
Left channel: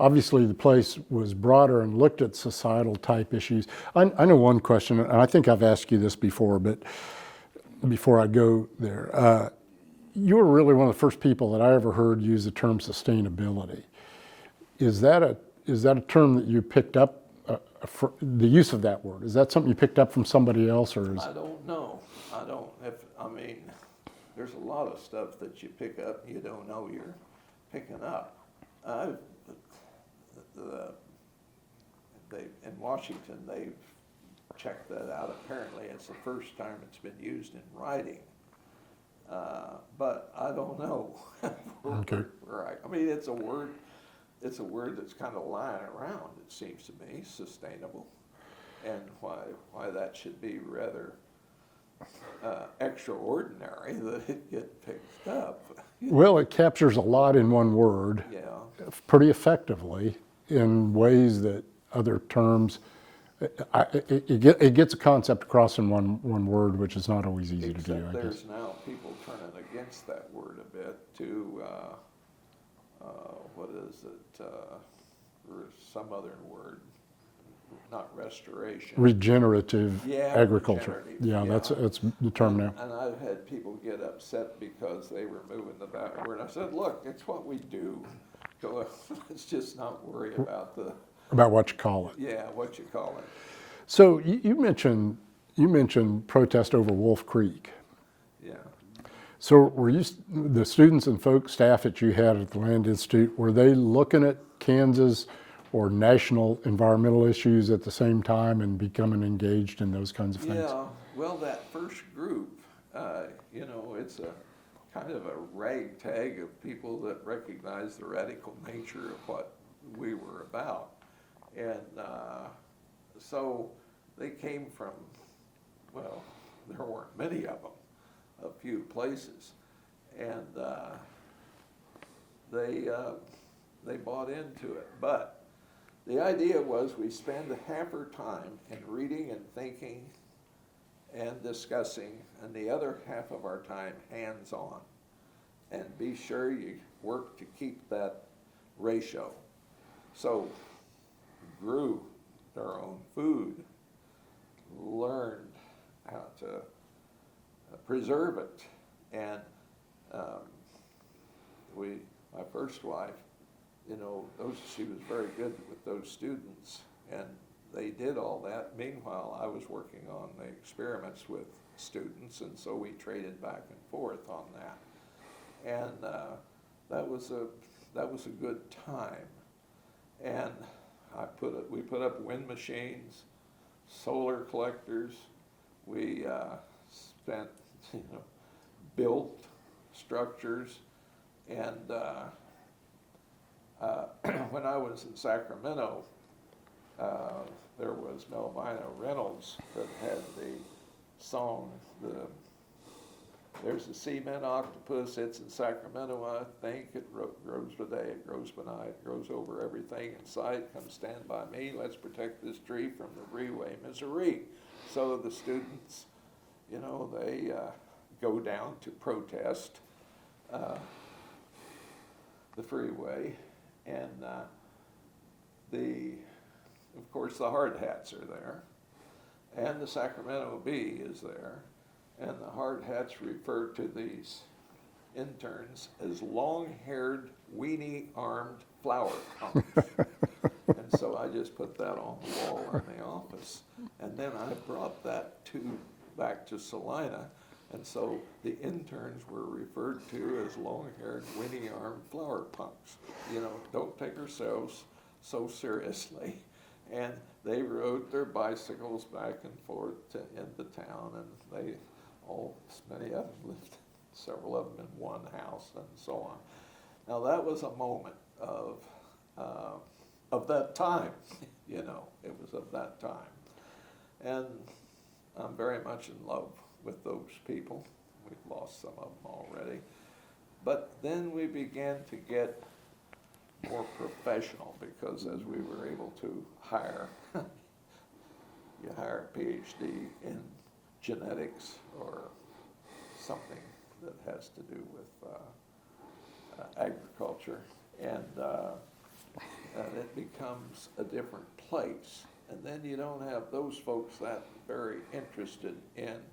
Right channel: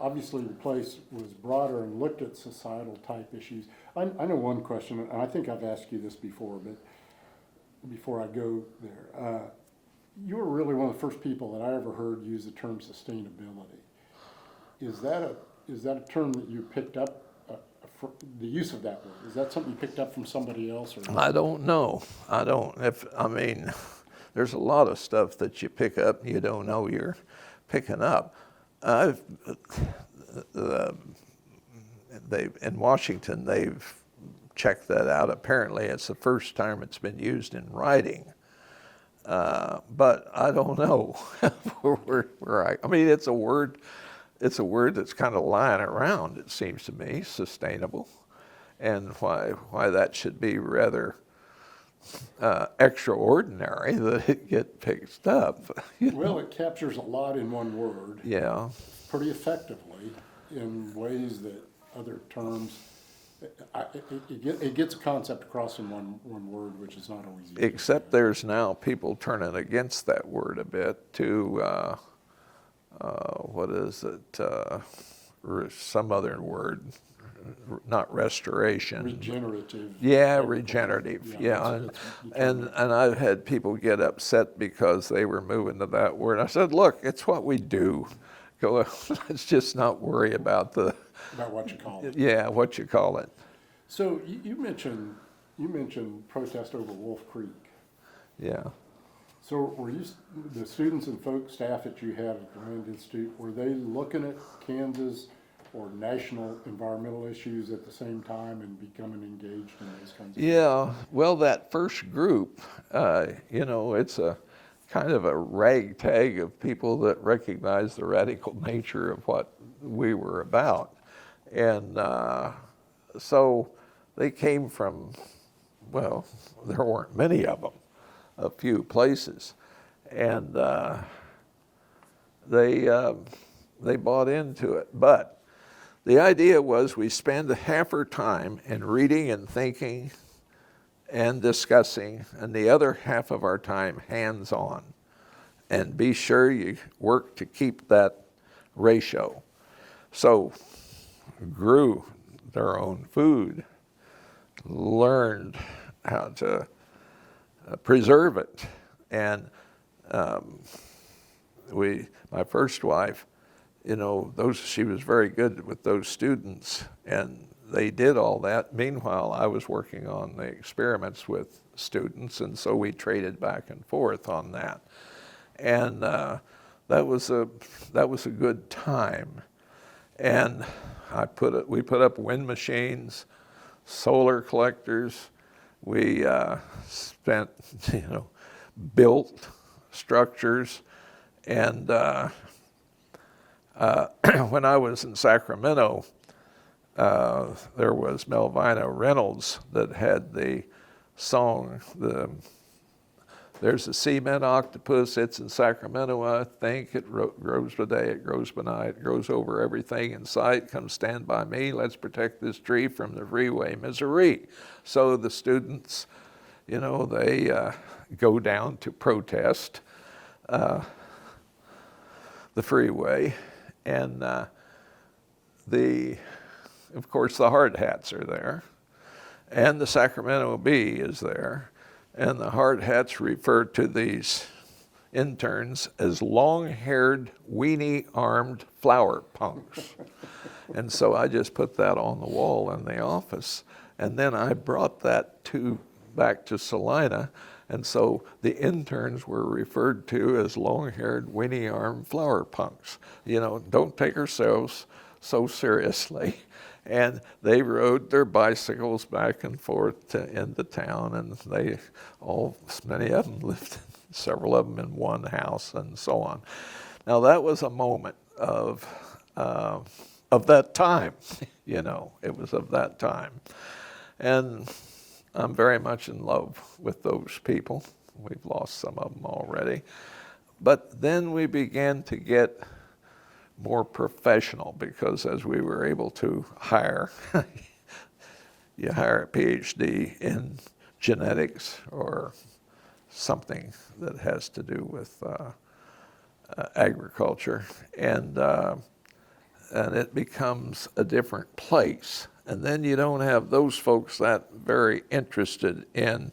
obviously the place was broader and looked at societal type issues. I know one question, and I think I've asked you this before, but before I go there, you were really one of the first people that I ever heard use the term sustainability. Is that a term that you picked up? The use of that word, is that something you picked up from somebody else, or? I don't know. There's a lot of stuff that you pick up and you don't know you're picking up. In Washington, they've checked that out. Apparently, it's the first time it's been used in writing. But I don't know it's a word. It's a word that's kind of lying around, it seems to me, sustainable, and why that should be rather extraordinary that it get picked up. Well, it captures a lot in one word. Yeah. Pretty effectively in ways that other terms, it gets a concept across in one word, which is not always easy to do. Except there's now people turning against that word a bit to, what is it, some other word, not restoration. Regenerative agriculture. Regenerative. Yeah, that's the term now. And I've had people get upset because they were moving to that word. I said, look, it's what we do. Let's just not worry about about what you call it. Yeah, what you call it. So you mentioned protest over Wolf Creek. Yeah. So were the students and staff that you had at the Land Institute, were they looking at Kansas or national environmental issues at the same time and becoming engaged in those kinds of things? Yeah, well, that first group, it's a kind of a ragtag of people that recognize the radical nature of what we were about. And so they came from, well, there weren't many of them, a few places. And they bought into it. But the idea was we spend half our time in reading and thinking and discussing, and the other half of our time hands-on. And be sure you work to keep that ratio. So grew their own food, learned how to preserve it. And my first wife, she was very good with those students, and they did all that. Meanwhile, I was working on the experiments with students, and so we traded back and forth on that. And that was a good time. And we put up wind machines, solar collectors. We built structures. And when I was in Sacramento, there was Melvina Reynolds that had the song, there's a cement octopus, it's in Sacramento, I think. It grows by day, it grows by night, it grows over everything in sight. Come stand by me, let's protect this tree from the freeway, Missouri. So the students, they go down to protest the freeway. And of course, the hard hats are there. And the Sacramento Bee is there. And the hard hats refer to these interns as long-haired, weenie-armed flower punks. And so I just put that on the wall in the office. And then I brought that back to Salina. And so the interns were referred to as long-haired, weenie-armed flower punks. Don't take ourselves so seriously. And they rode their bicycles back and forth into town, and many of them lived, several of them in one house, and so on. Now that was a moment of that time, it was of that time. And I'm very much in love with those people. We've lost some of them already. But then we began to get more professional, because as we were able to hire, you hire a Ph.D. in genetics or something that has to do with agriculture, and it becomes a different place. And then you don't have those folks that very interested in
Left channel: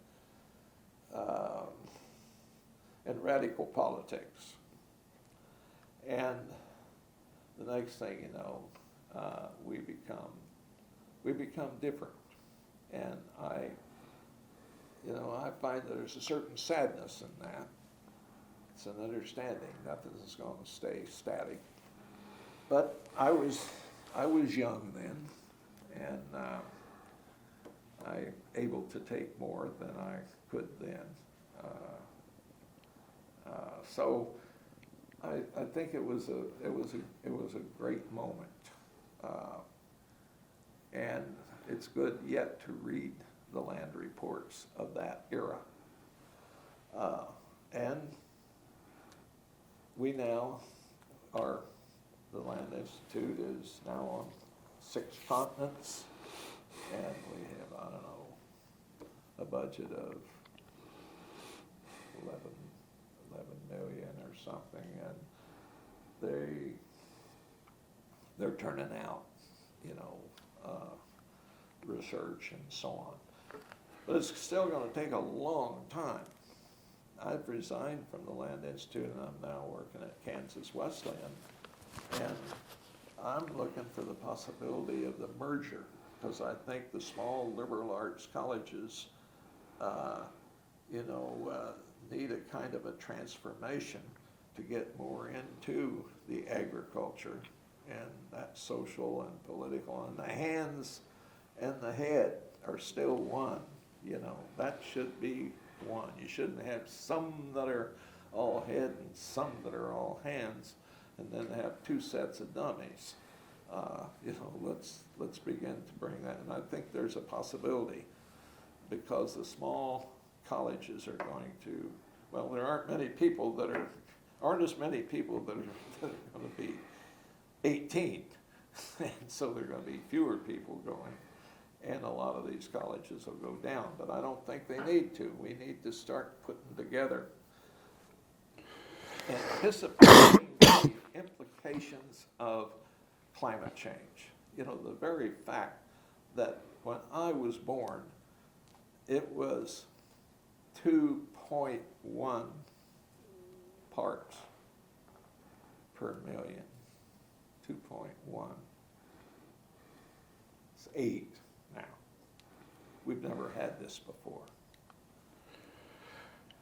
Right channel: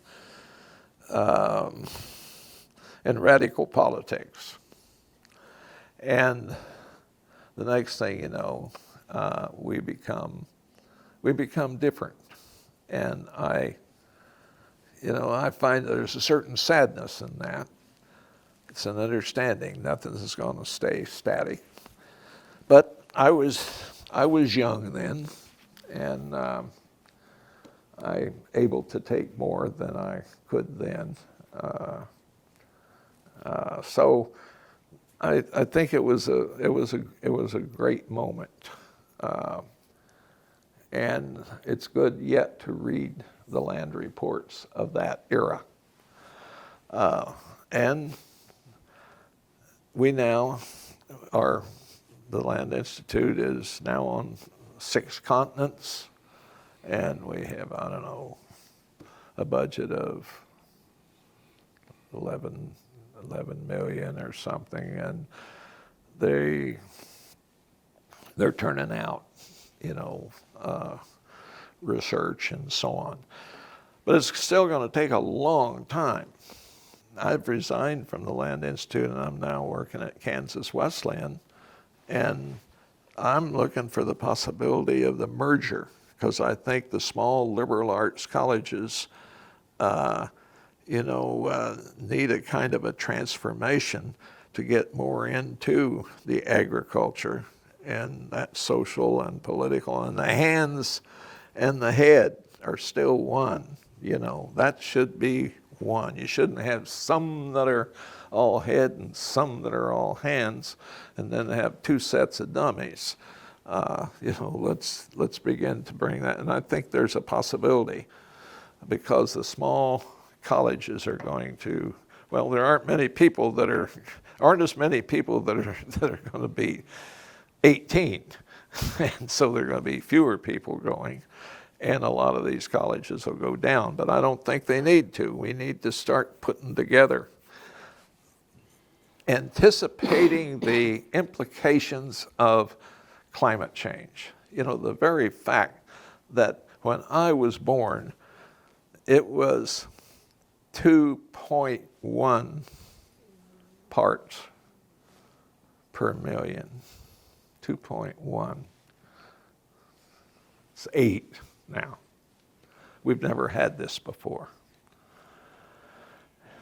radical politics. And the next thing you know, we become different. And I find there's a certain sadness in that. It's an understanding nothing is going to stay static. But I was young then, and I able to take more than I could then. So I think it was a great moment, and it's good yet to read the land reports of that era. And we now the Land Institute is now on 6 continents, and we have, I don't know, a budget of 11 million or something, and they're turning out, research and so on. But it's still going to take a long time. I've resigned from the Land Institute, and I'm now working at Kansas Wesleyan, and I'm looking for the possibility of the merger, because I think the small liberal arts colleges need a kind of a transformation to get more into the agriculture and that social and political, and the hands and the head are still one. That should be one. You shouldn't have some that are all head and some that are all hands, and then have 2 sets of dummies. Let's begin to bring that, and I think there's a possibility, because the small colleges are going to, well, there aren't as many people that are going to be 18, and so there are going to be fewer people going, and a lot of these colleges will go down, but I don't think they need to. We need to start putting together, anticipating the implications of climate change. The very fact that when I was born, it was 2.1 parts per million. 2.1. It's 8 now. We've never had this before.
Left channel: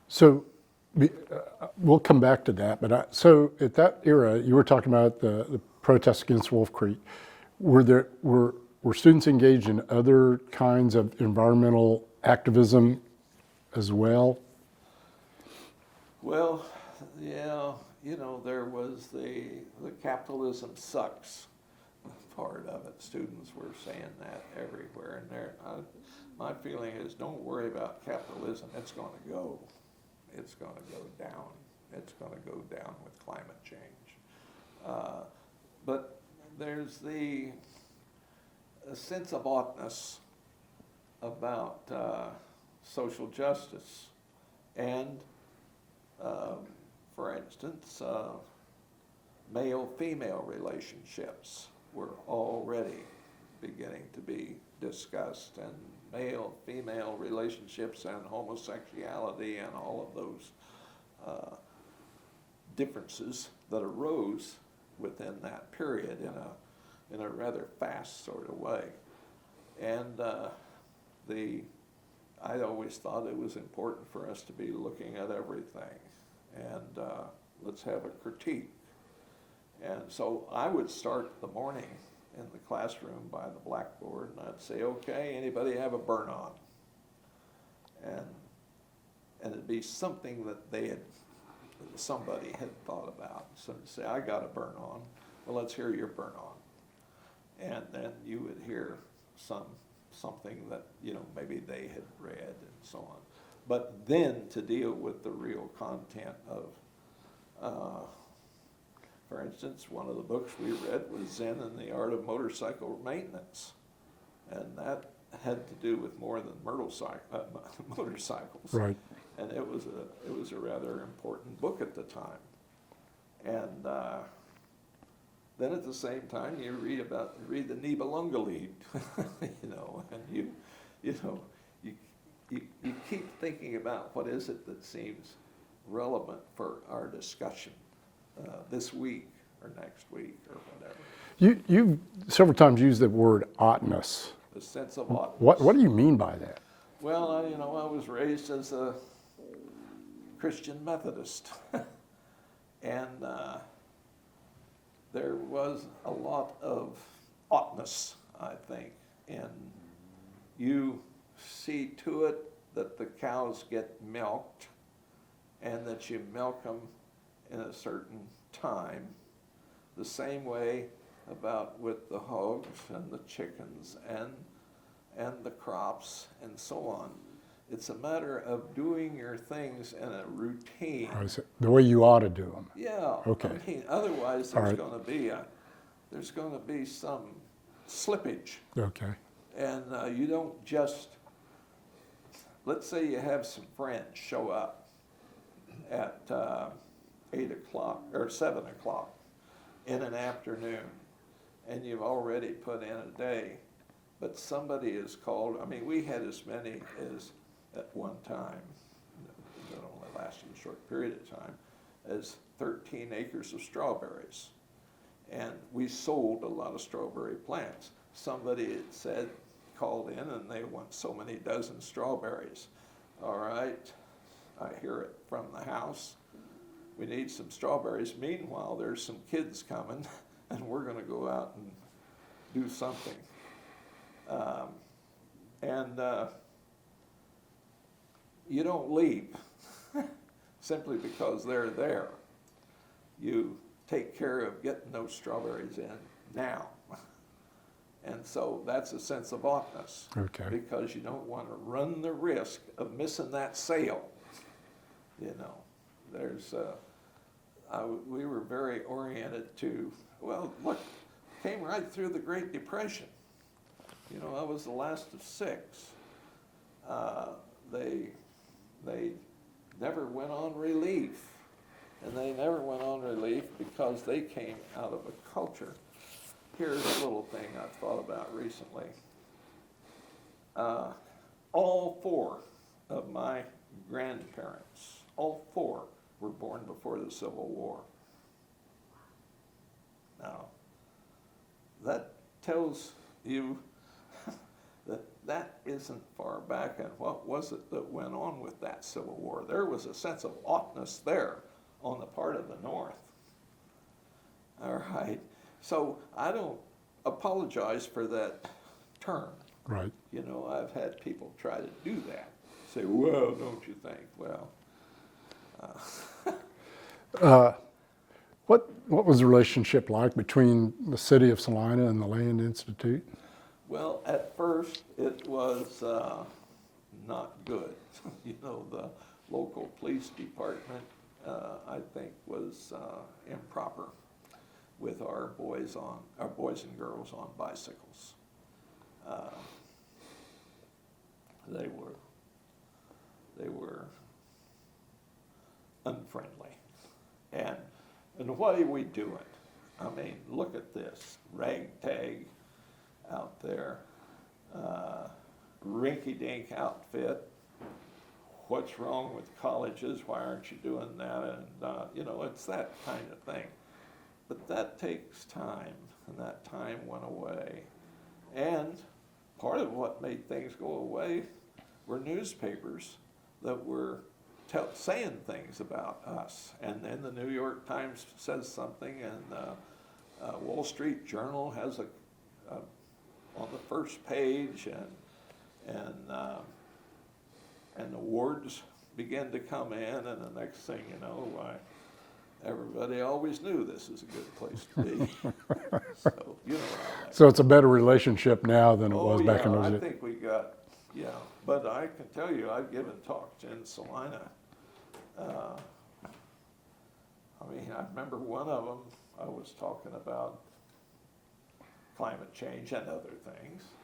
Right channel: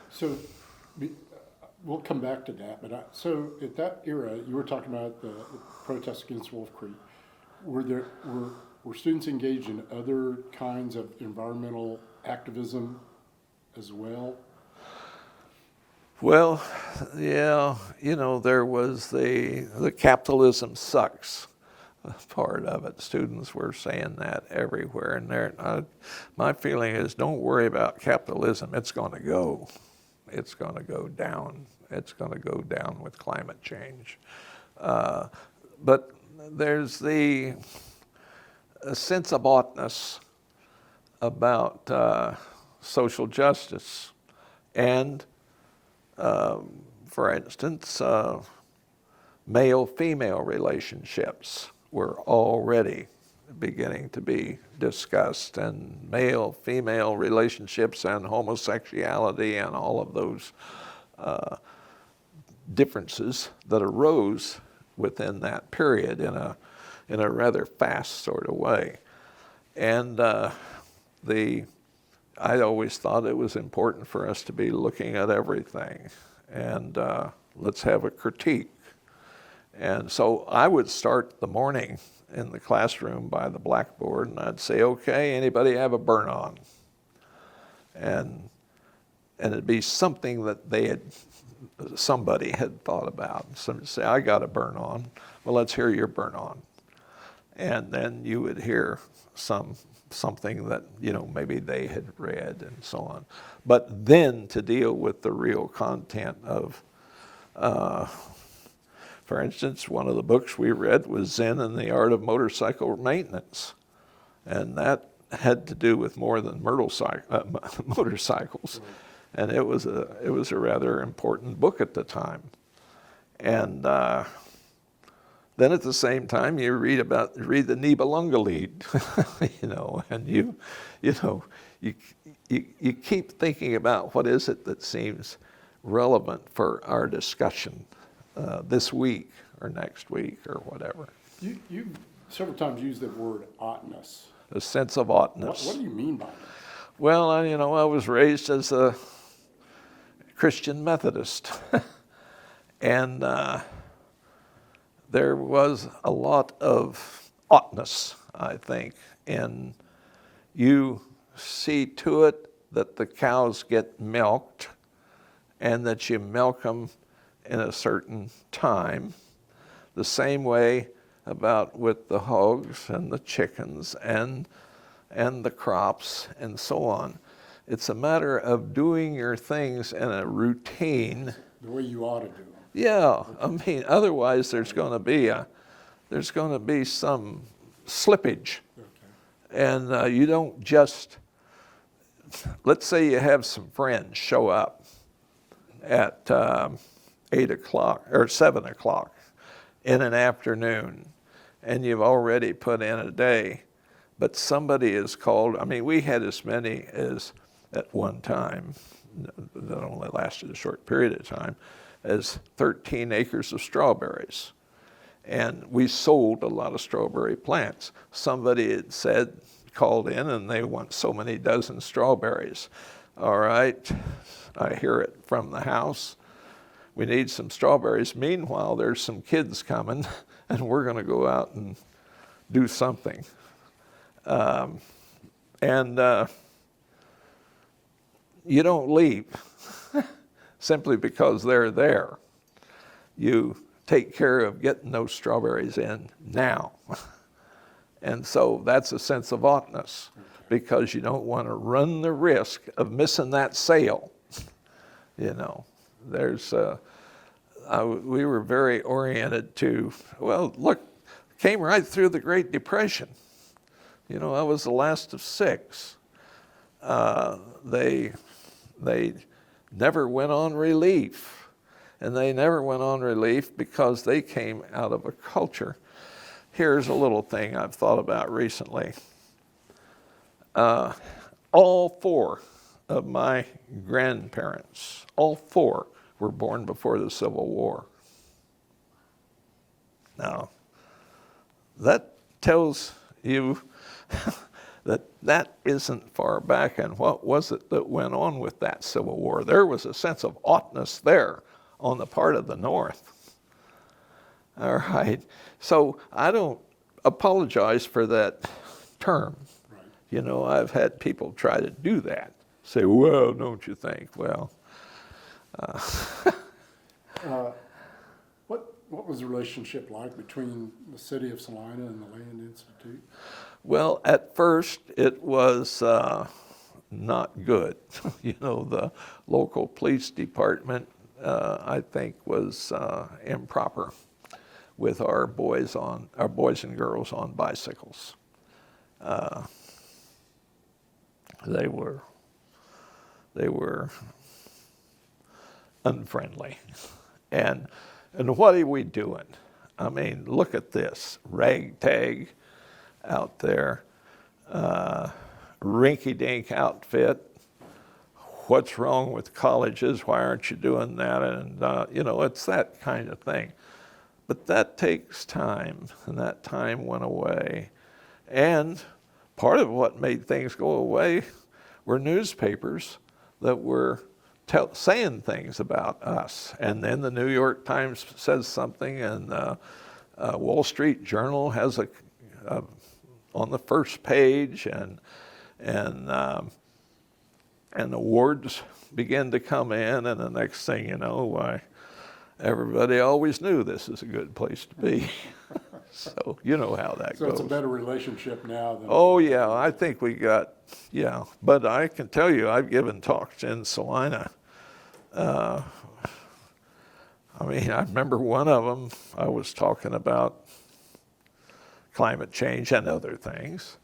So we'll come back to that. But so at that era, you were talking about the protests against Wolf Creek. Were students engaged in other kinds of environmental activism as well? Well, yeah, there was the capitalism sucks part of it. Students were saying that everywhere, and my feeling is, don't worry about capitalism. It's going to go. It's going to go down. It's going to go down with climate change. But there's a sense of oughtness about social justice, and for instance, male-female relationships were already beginning to be discussed, and male-female relationships and homosexuality and all of those differences that arose within that period in a rather fast sort of way. And I always thought it was important for us to be looking at everything, and let's have a critique. And so I would start the morning in the classroom by the blackboard, and I'd say, okay, anybody have a burn-on? And it'd be something that somebody had thought about. Somebody would say, I got a burn-on. Well, let's hear your burn-on. And then you would hear something that, maybe they had read and so on. But then to deal with the real content of, For instance, one of the books we read was Zen and the Art of Motorcycle Maintenance. And that had to do with more than motorcycles. Right. And it was a rather important book at the time. And then at the same time, you read the Nibelungenlied, and you keep thinking about what is it that seems relevant for our discussion this week or next week or whatever. You've several times used the word ought-ness. A sense of ought-ness. What do you mean by that? Well, I was raised as a Christian Methodist, and there was a lot of ought-ness, I think, and you see to it that the cows get milked and that you milk them in a certain time. The same way about with the hogs and the chickens and the crops and so on. It's a matter of doing your things in a routine. The way you ought to do them. Yeah, Okay. I mean, otherwise there's Right. going to be some slippage. Okay. And you don't just, let's say you have some friends show up at 8 o'clock or 7 o'clock in an afternoon, and you've already put in a day, but somebody is called. I mean, we had as many as at one time, that only lasted a short period of time, as 13 acres of strawberries. And we sold a lot of strawberry plants. Somebody had said, called in, and they want so many dozen strawberries. All right, I hear it from the house. We need some strawberries. Meanwhile, there's some kids coming, and we're going to go out and do something. You don't leave simply because they're there. You take care of getting those strawberries in now. And so that's a sense of ought-ness, Okay. because you don't want to run the risk of missing that sale. We were very oriented to, well, look, came right through the Great Depression. I was the last of 6. They never went on relief. And they never went on relief because they came out of a culture. Here's a little thing I've thought about recently. All 4 of my grandparents, all 4 were born before the Civil War. Now, that tells you that isn't far back, and what was it that went on with that Civil War? There was a sense of ought-ness there on the part of the North. All right, so I don't apologize for that term. Right. I've had people try to do that. Say, well, don't you think? Well, What was the relationship like between the city of Salina and the Land Institute? well, at first it was not good. The local police department, I think, was improper with our boys and girls on bicycles. They were unfriendly. And what are we doing? I mean, look at this, ragtag out there, rinky-dink outfit. What's wrong with colleges? Why aren't you doing that? And, it's that kind of thing. But that takes time, and that time went away. And part of what made things go away were newspapers that were saying things about us. And then the New York Times says something, and Wall Street Journal has on the first page, and awards begin to come in, and the next thing you know, why, everybody always knew this is a good place to be. So you know how that So goes. it's a better relationship now than it Oh was back yeah, in I the day. think we got, but I can tell you, I've given talks in Salina. I mean, I remember one of them, I was talking about climate change and other things.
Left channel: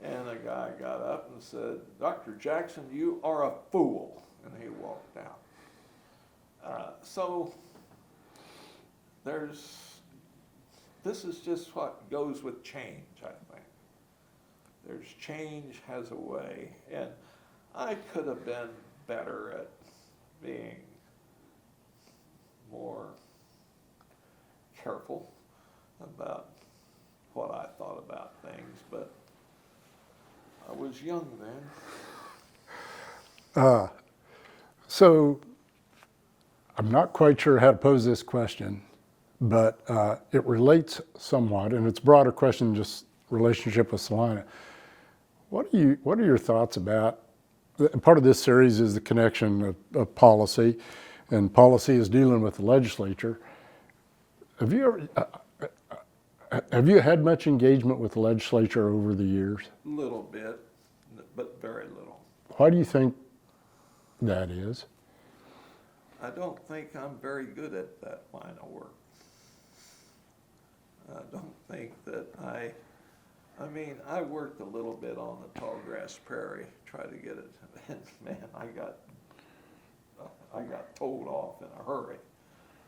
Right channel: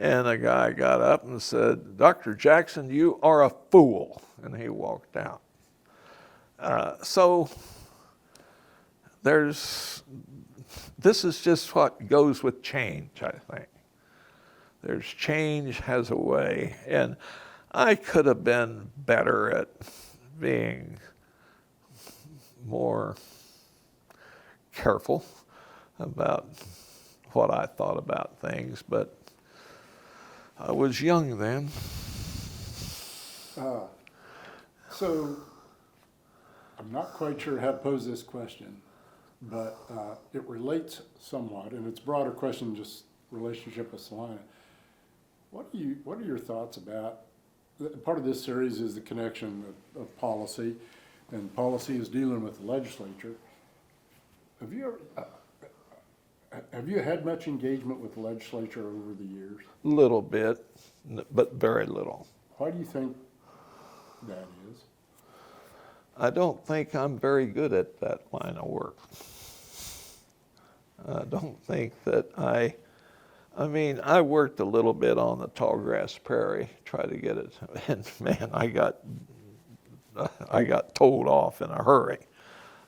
And a guy got up and said, "Dr. Jackson, you are a fool." And he walked out. So this is just what goes with change, I think. Change has a way. And I could have been better at being more careful about what I thought about things, but I was young then. So I'm not quite sure how to pose this question, but it relates somewhat, and it's a broader question than just relationship with Salina. What are your thoughts about, part of this series is the connection of policy, and policy is dealing with the legislature. Have you had much engagement with the legislature over the years? Little bit, but very little. Why do you think that is? I don't think I'm very good at that line of work. I don't think that I mean, I worked a little bit on the tallgrass prairie, tried to get it, and man, I got told off in a hurry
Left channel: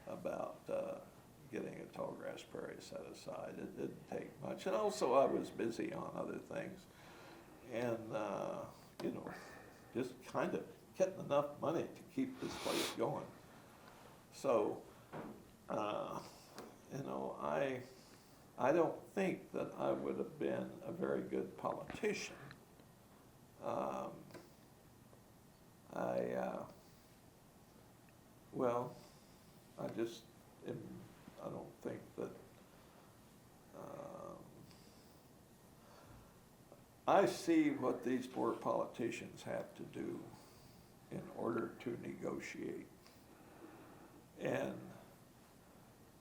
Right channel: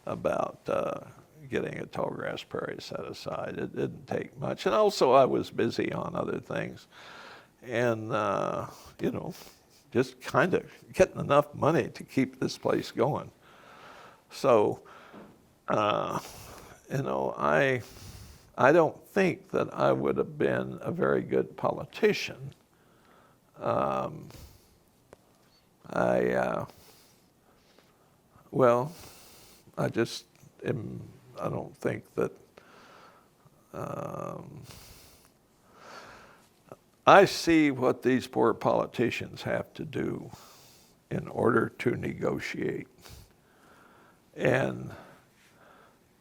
about getting a tallgrass prairie set aside. It didn't take much. And also I was busy on other things. And, you know, just kind of getting enough money to keep this place going. So, you know, I don't think that I would have been a very good politician. I don't think that, I see what these poor politicians have to do in order to negotiate. And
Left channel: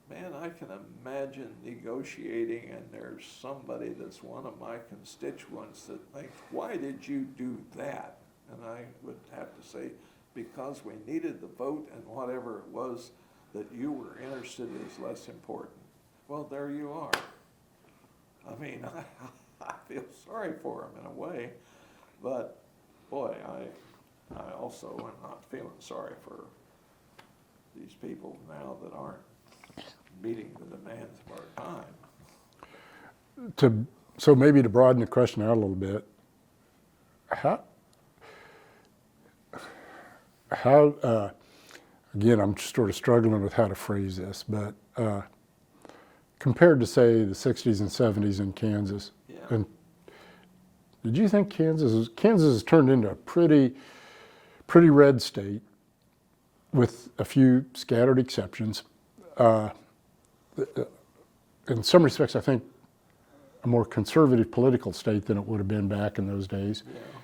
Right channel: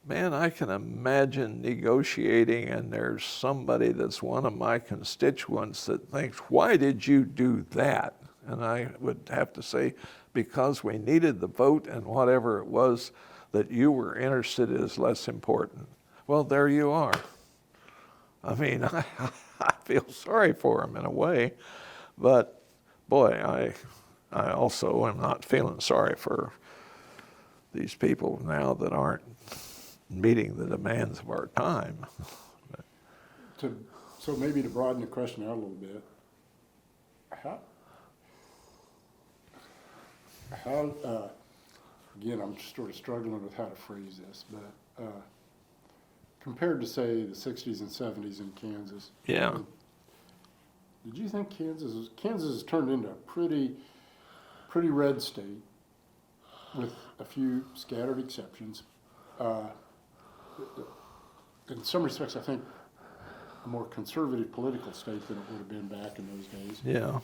man, I can imagine negotiating and there's somebody that's one of my constituents that thinks, "Why did you do that?" And I would have to say, "Because we needed the vote and whatever it was that you were interested in is less important." Well, there you are. I mean, I feel sorry for them in a way, but boy, I also am not feeling sorry for these people now that aren't meeting the demands of our time. So maybe to broaden the question out a little bit, how again, I'm sort of struggling with how to phrase this, but compared to, say, the 60s and 70s in Kansas, Yeah. Did you think Kansas has turned into a pretty red state with a few scattered exceptions? In some respects, I think a more conservative political state than it would have been back in those days. Yeah.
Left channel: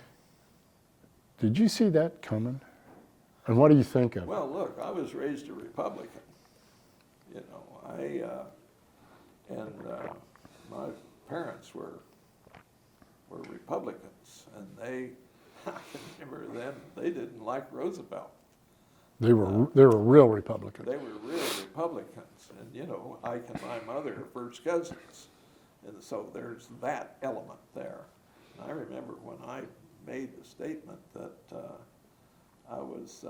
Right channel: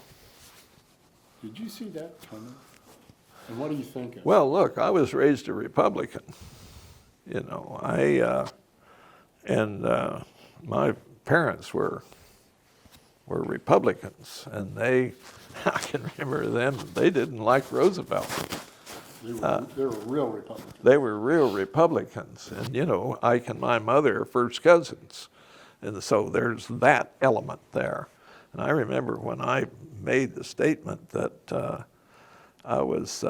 Did you see that coming? And what do you think of it? Well, look, I was raised a Republican. You know, my parents were Republicans, and I can remember them. They didn't like Roosevelt. They were real Republicans. They were real Republicans, and you know, Ike and my mother are first cousins, and so there's that element there. And I remember when I made the statement that I was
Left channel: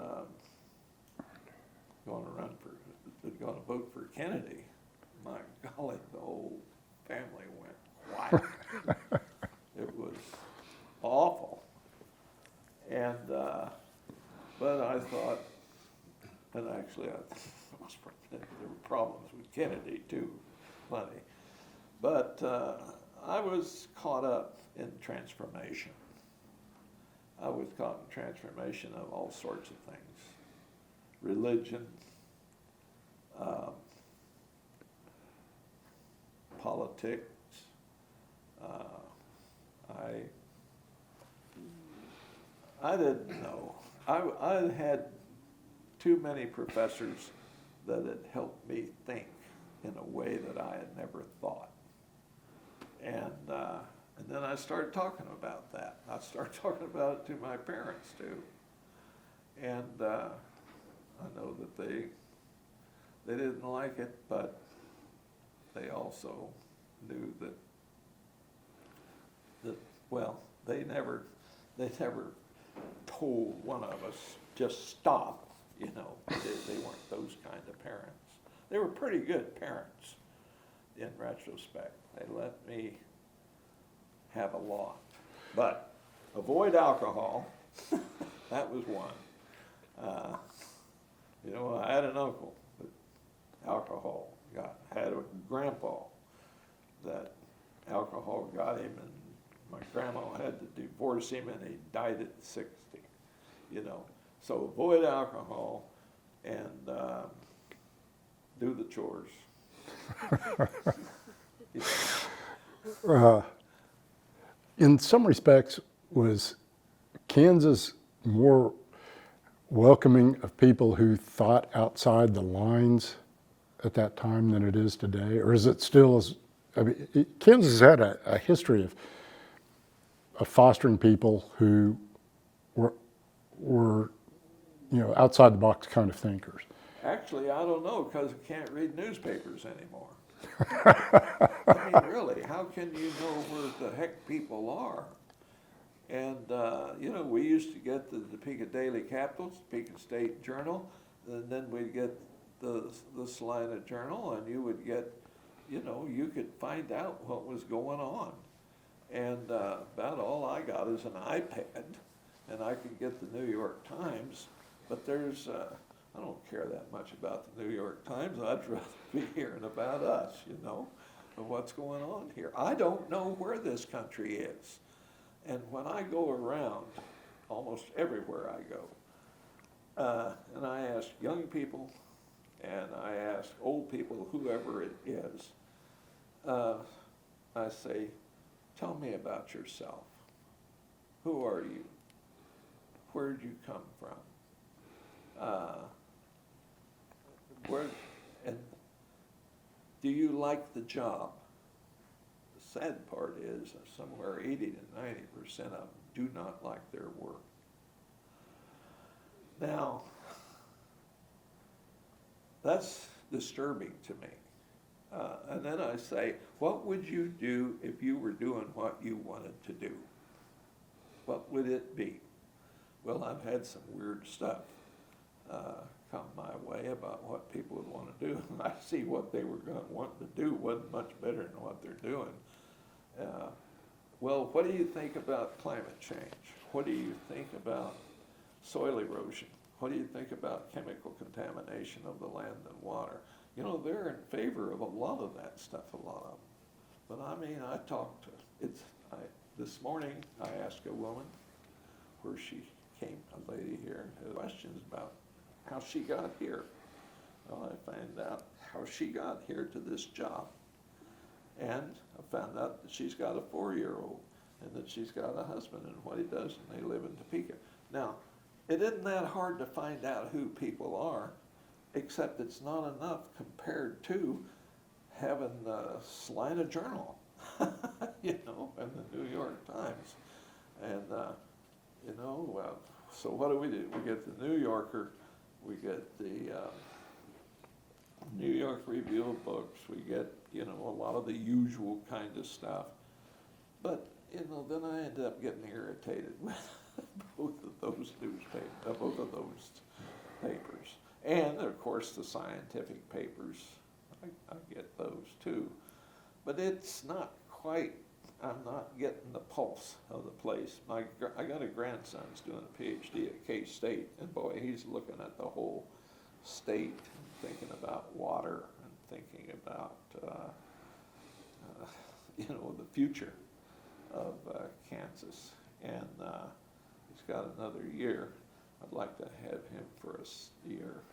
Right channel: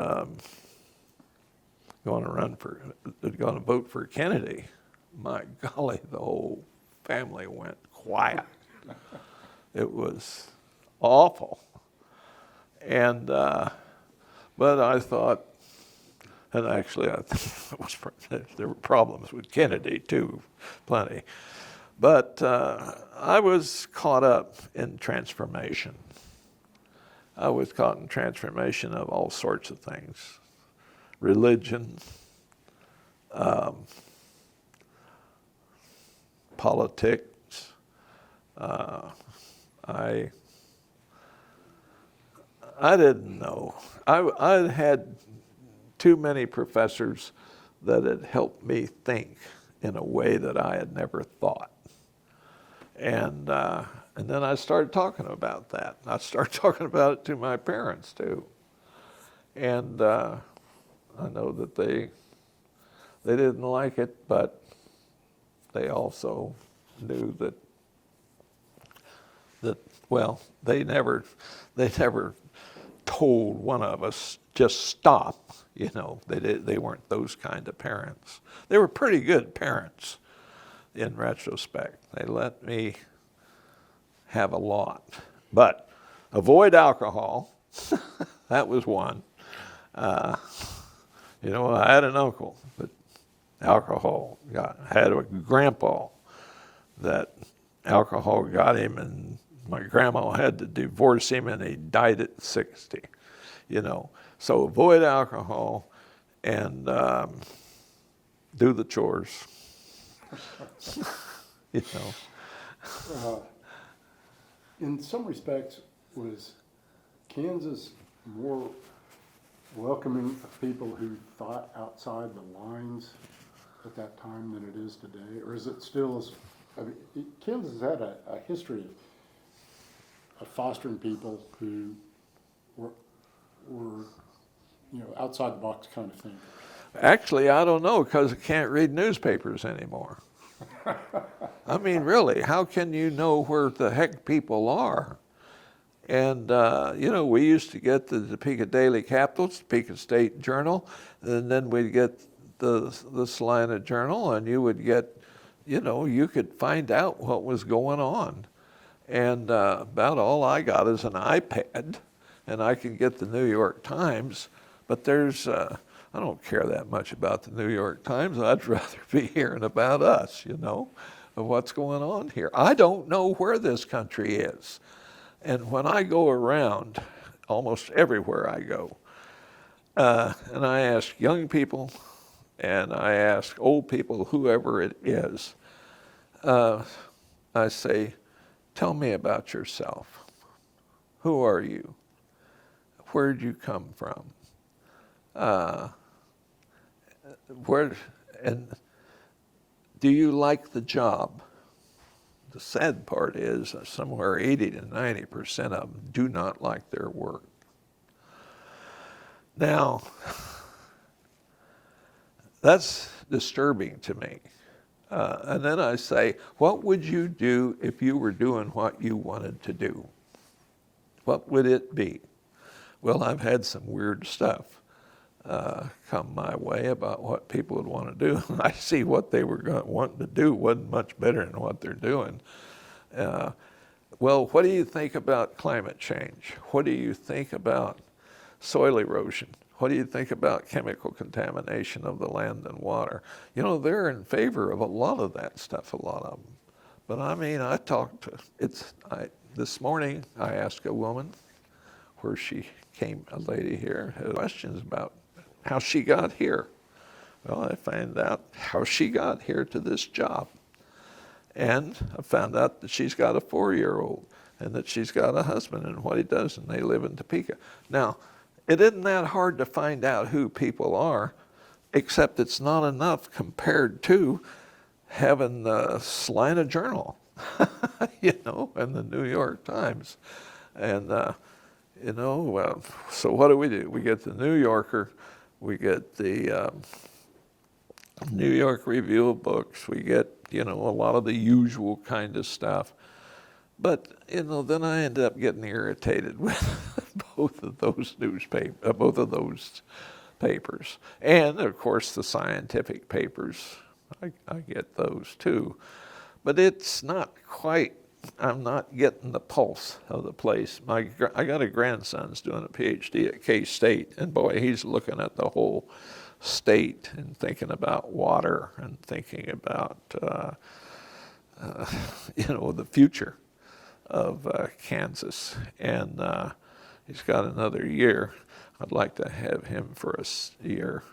going to vote for Kennedy, my golly, the whole family went quiet. It was awful, and but I thought. And actually, there were problems with Kennedy too, plenty. But I was caught up in transformation. I was caught in transformation of all sorts of things. Religion, politics. I didn't know. I had too many professors that had helped me think in a way that I had never thought. And then I started talking about that. I started talking about it to my parents too. And I know that they They didn't like it, but they also knew that well, they never told one of us just stop. You know, they weren't those kind of parents. They were pretty good parents in retrospect. They let me have a lot, but avoid alcohol. That was one. You know, I had an uncle that alcohol had a grandpa that alcohol got him, and my grandma had to divorce him, and he died at 60. You know, so avoid alcohol and do the chores. You know. In some respects, was Kansas more welcoming of people who thought outside the lines at that time than it is today? Or is it still as, I mean, Kansas has had a history of fostering people who were, you know, outside the box kind of thinkers? Actually, I don't know, because I can't read newspapers anymore. I mean, really, how can you know where the heck people are? And, you know, we used to get the Topeka Daily Capital, Topeka State Journal, and then we'd get the Salina Journal, and you would get, you know, you could find out what was going on. And about all I got is an iPad, and I can get the New York Times, but there's, I don't care that much about the New York Times. I'd rather be hearing about us, you know, of what's going on here. I don't know where this country is. And when I go around, almost everywhere I go, and I ask young people, and I ask old people, whoever it is, I say, tell me about yourself. Who are you? Where'd you come from? And do you like the job? The sad part is somewhere 80 to 90% of them do not like their work. Now, that's disturbing to me. And then I say, what would you do if you were doing what you wanted to do? What would it be? Well, I've had some weird stuff come my way about what people would want to do. I see what they were wanting to do wasn't much better than what they're doing. Well, what do you think about climate change? What do you think about soil erosion? What do you think about chemical contamination of the land and water? You know, they're in favor of a lot of that stuff, a lot of them. But I mean, I talked to, this morning I asked a woman where she came, a lady here, had questions about how she got here. Well, I found out how she got here to this job. And I found out that she's got a 4-year-old and that she's got a husband and what he does, and they live in Topeka. Now, it isn't that hard to find out who people are, except it's not enough compared to having the Salina Journal, you know, and the New York Times. And, you know, so what do? We get the New Yorker, we get the New York Review of Books, we get, you know, a lot of the usual kind of stuff. But, you know, then I end up getting irritated with both of those papers. And, of course, the scientific papers, I get those too. But it's not quite, I'm not getting the pulse of the place. I got a grandson's doing a Ph.D. at K-State, and boy, he's looking at the whole state and thinking about water and thinking about, you know, the future of Kansas. And he's got another year. I'd like to have him for a year.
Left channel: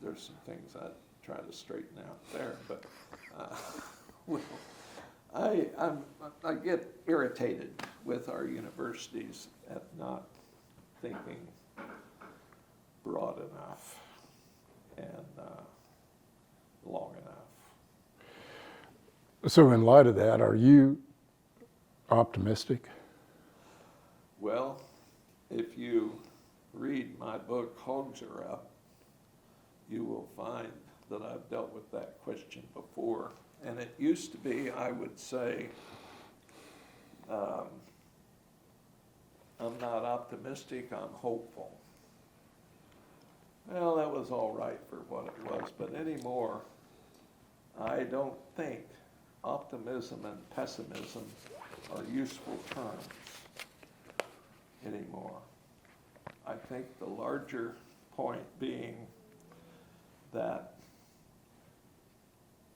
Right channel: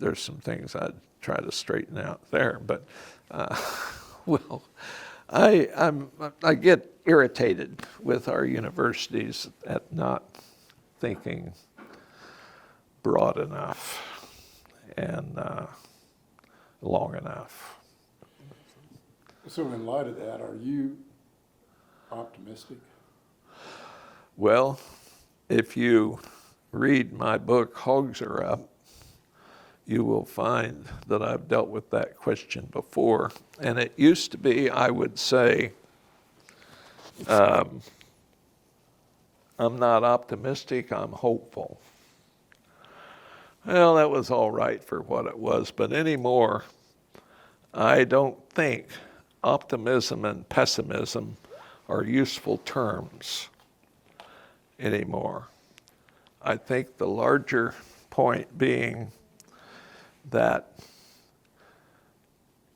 There's some things I'd try to straighten out there, but well, I get irritated with our universities at not thinking broad enough and long enough. So in light of that, are you optimistic? Well, if you read my book, Hogs Are Up, you will find that I've dealt with that question before. And it used to be, I would say, I'm not optimistic, I'm hopeful. Well, that was all right for what it was, but anymore, I don't think optimism and pessimism are useful terms anymore. I think the larger point being that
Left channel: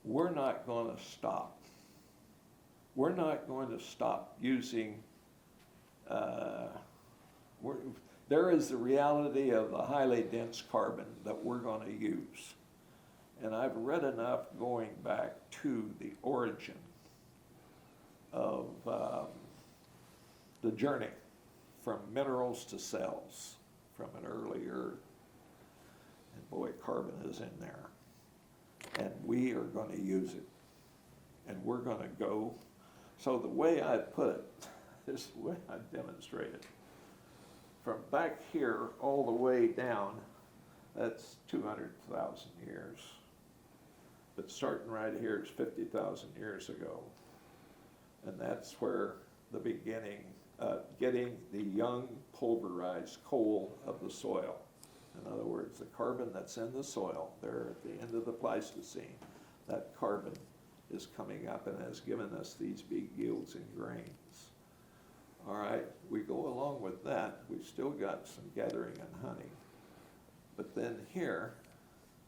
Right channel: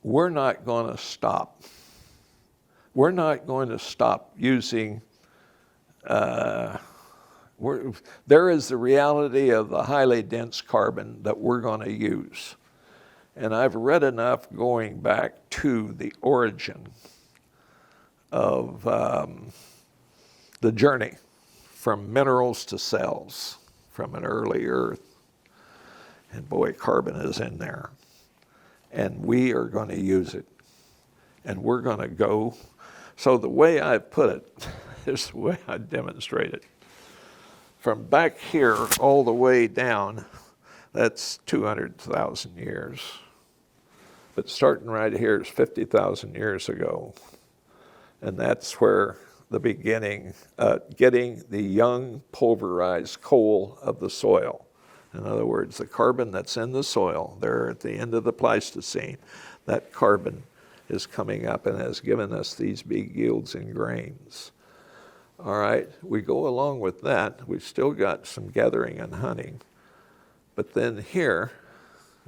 we're not going to stop. We're not going to stop using, there is the reality of the highly dense carbon that we're going to use. And I've read enough going back to the origin of the journey from minerals to cells from an early Earth. And boy, carbon is in there. And we are going to use it. And we're going to go. So the way I put it is the way I demonstrate it. From back here all the way down, that's 200,000 years. But starting right here is 50,000 years ago. And that's where the beginning, getting the young pulverized coal of the soil. In other words, the carbon that's in the soil, there at the end of the Pleistocene, that carbon is coming up and has given us these big yields in grains. All right, we go along with that. We've still got some gathering and hunting. But then here,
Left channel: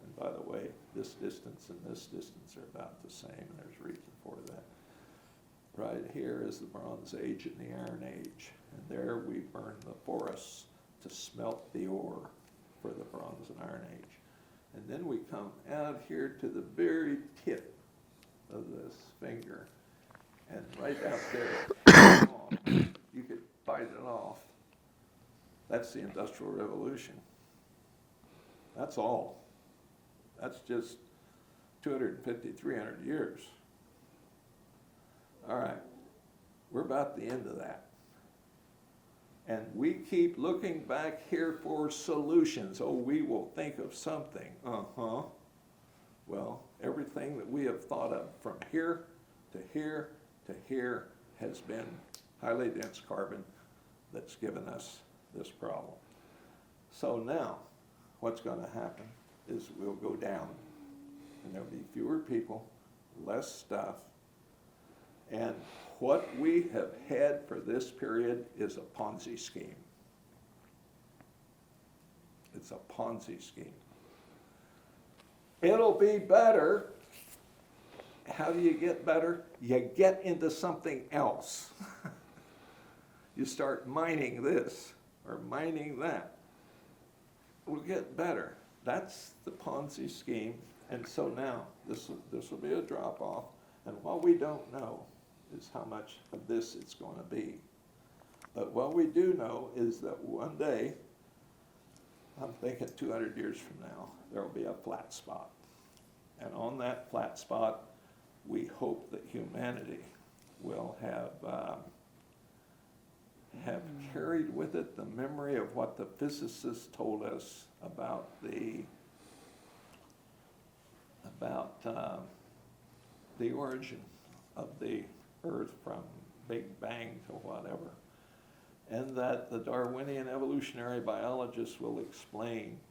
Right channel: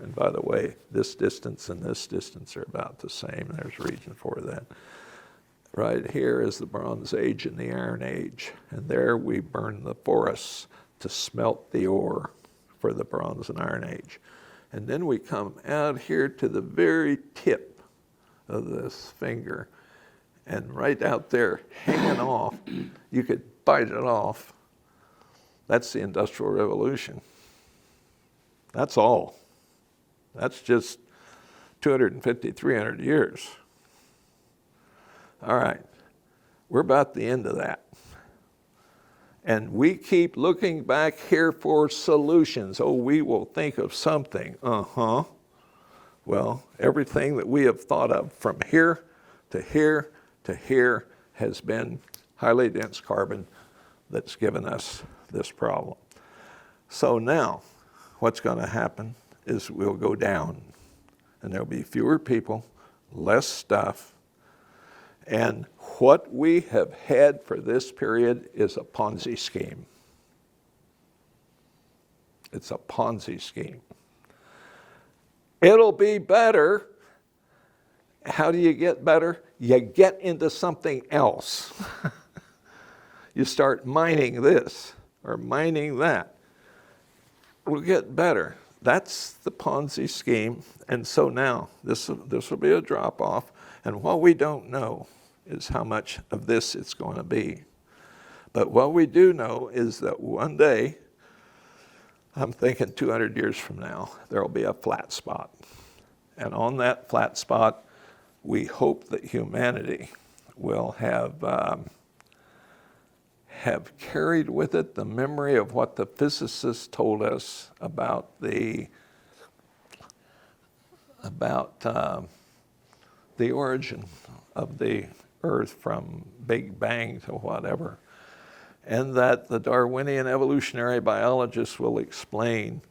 and by the way, this distance and this distance are about the same. There's a reason for that. Right here is the Bronze Age and the Iron Age. And there we burn the forests to smelt the ore for the Bronze and Iron Age. And then we come out here to the very tip of this finger. And right out there, off, you could bite it off. That's the Industrial Revolution. That's all. That's just 250, 300 years. All right, we're about the end of that. And we keep looking back here for solutions. Oh, we will think of something. Well, everything that we have thought of from here to here to here has been highly dense carbon that's given us this problem. So now, what's going to happen is we'll go down, and there'll be fewer people, less stuff, and what we have had for this period is a Ponzi scheme. It's a Ponzi scheme. It'll be better. How do you get better? You get into something else. You start mining this or mining that. We'll get better. That's the Ponzi scheme. And so now this will be a drop off. And what we don't know is how much of this it's going to be. But what we do know is that one day, I'm thinking 200 years from now, there will be a flat spot. And on that flat spot, we hope that humanity will have carried with it the memory of what the physicists told us about the origin of the Earth from Big Bang to whatever, and that the Darwinian evolutionary biologists will explain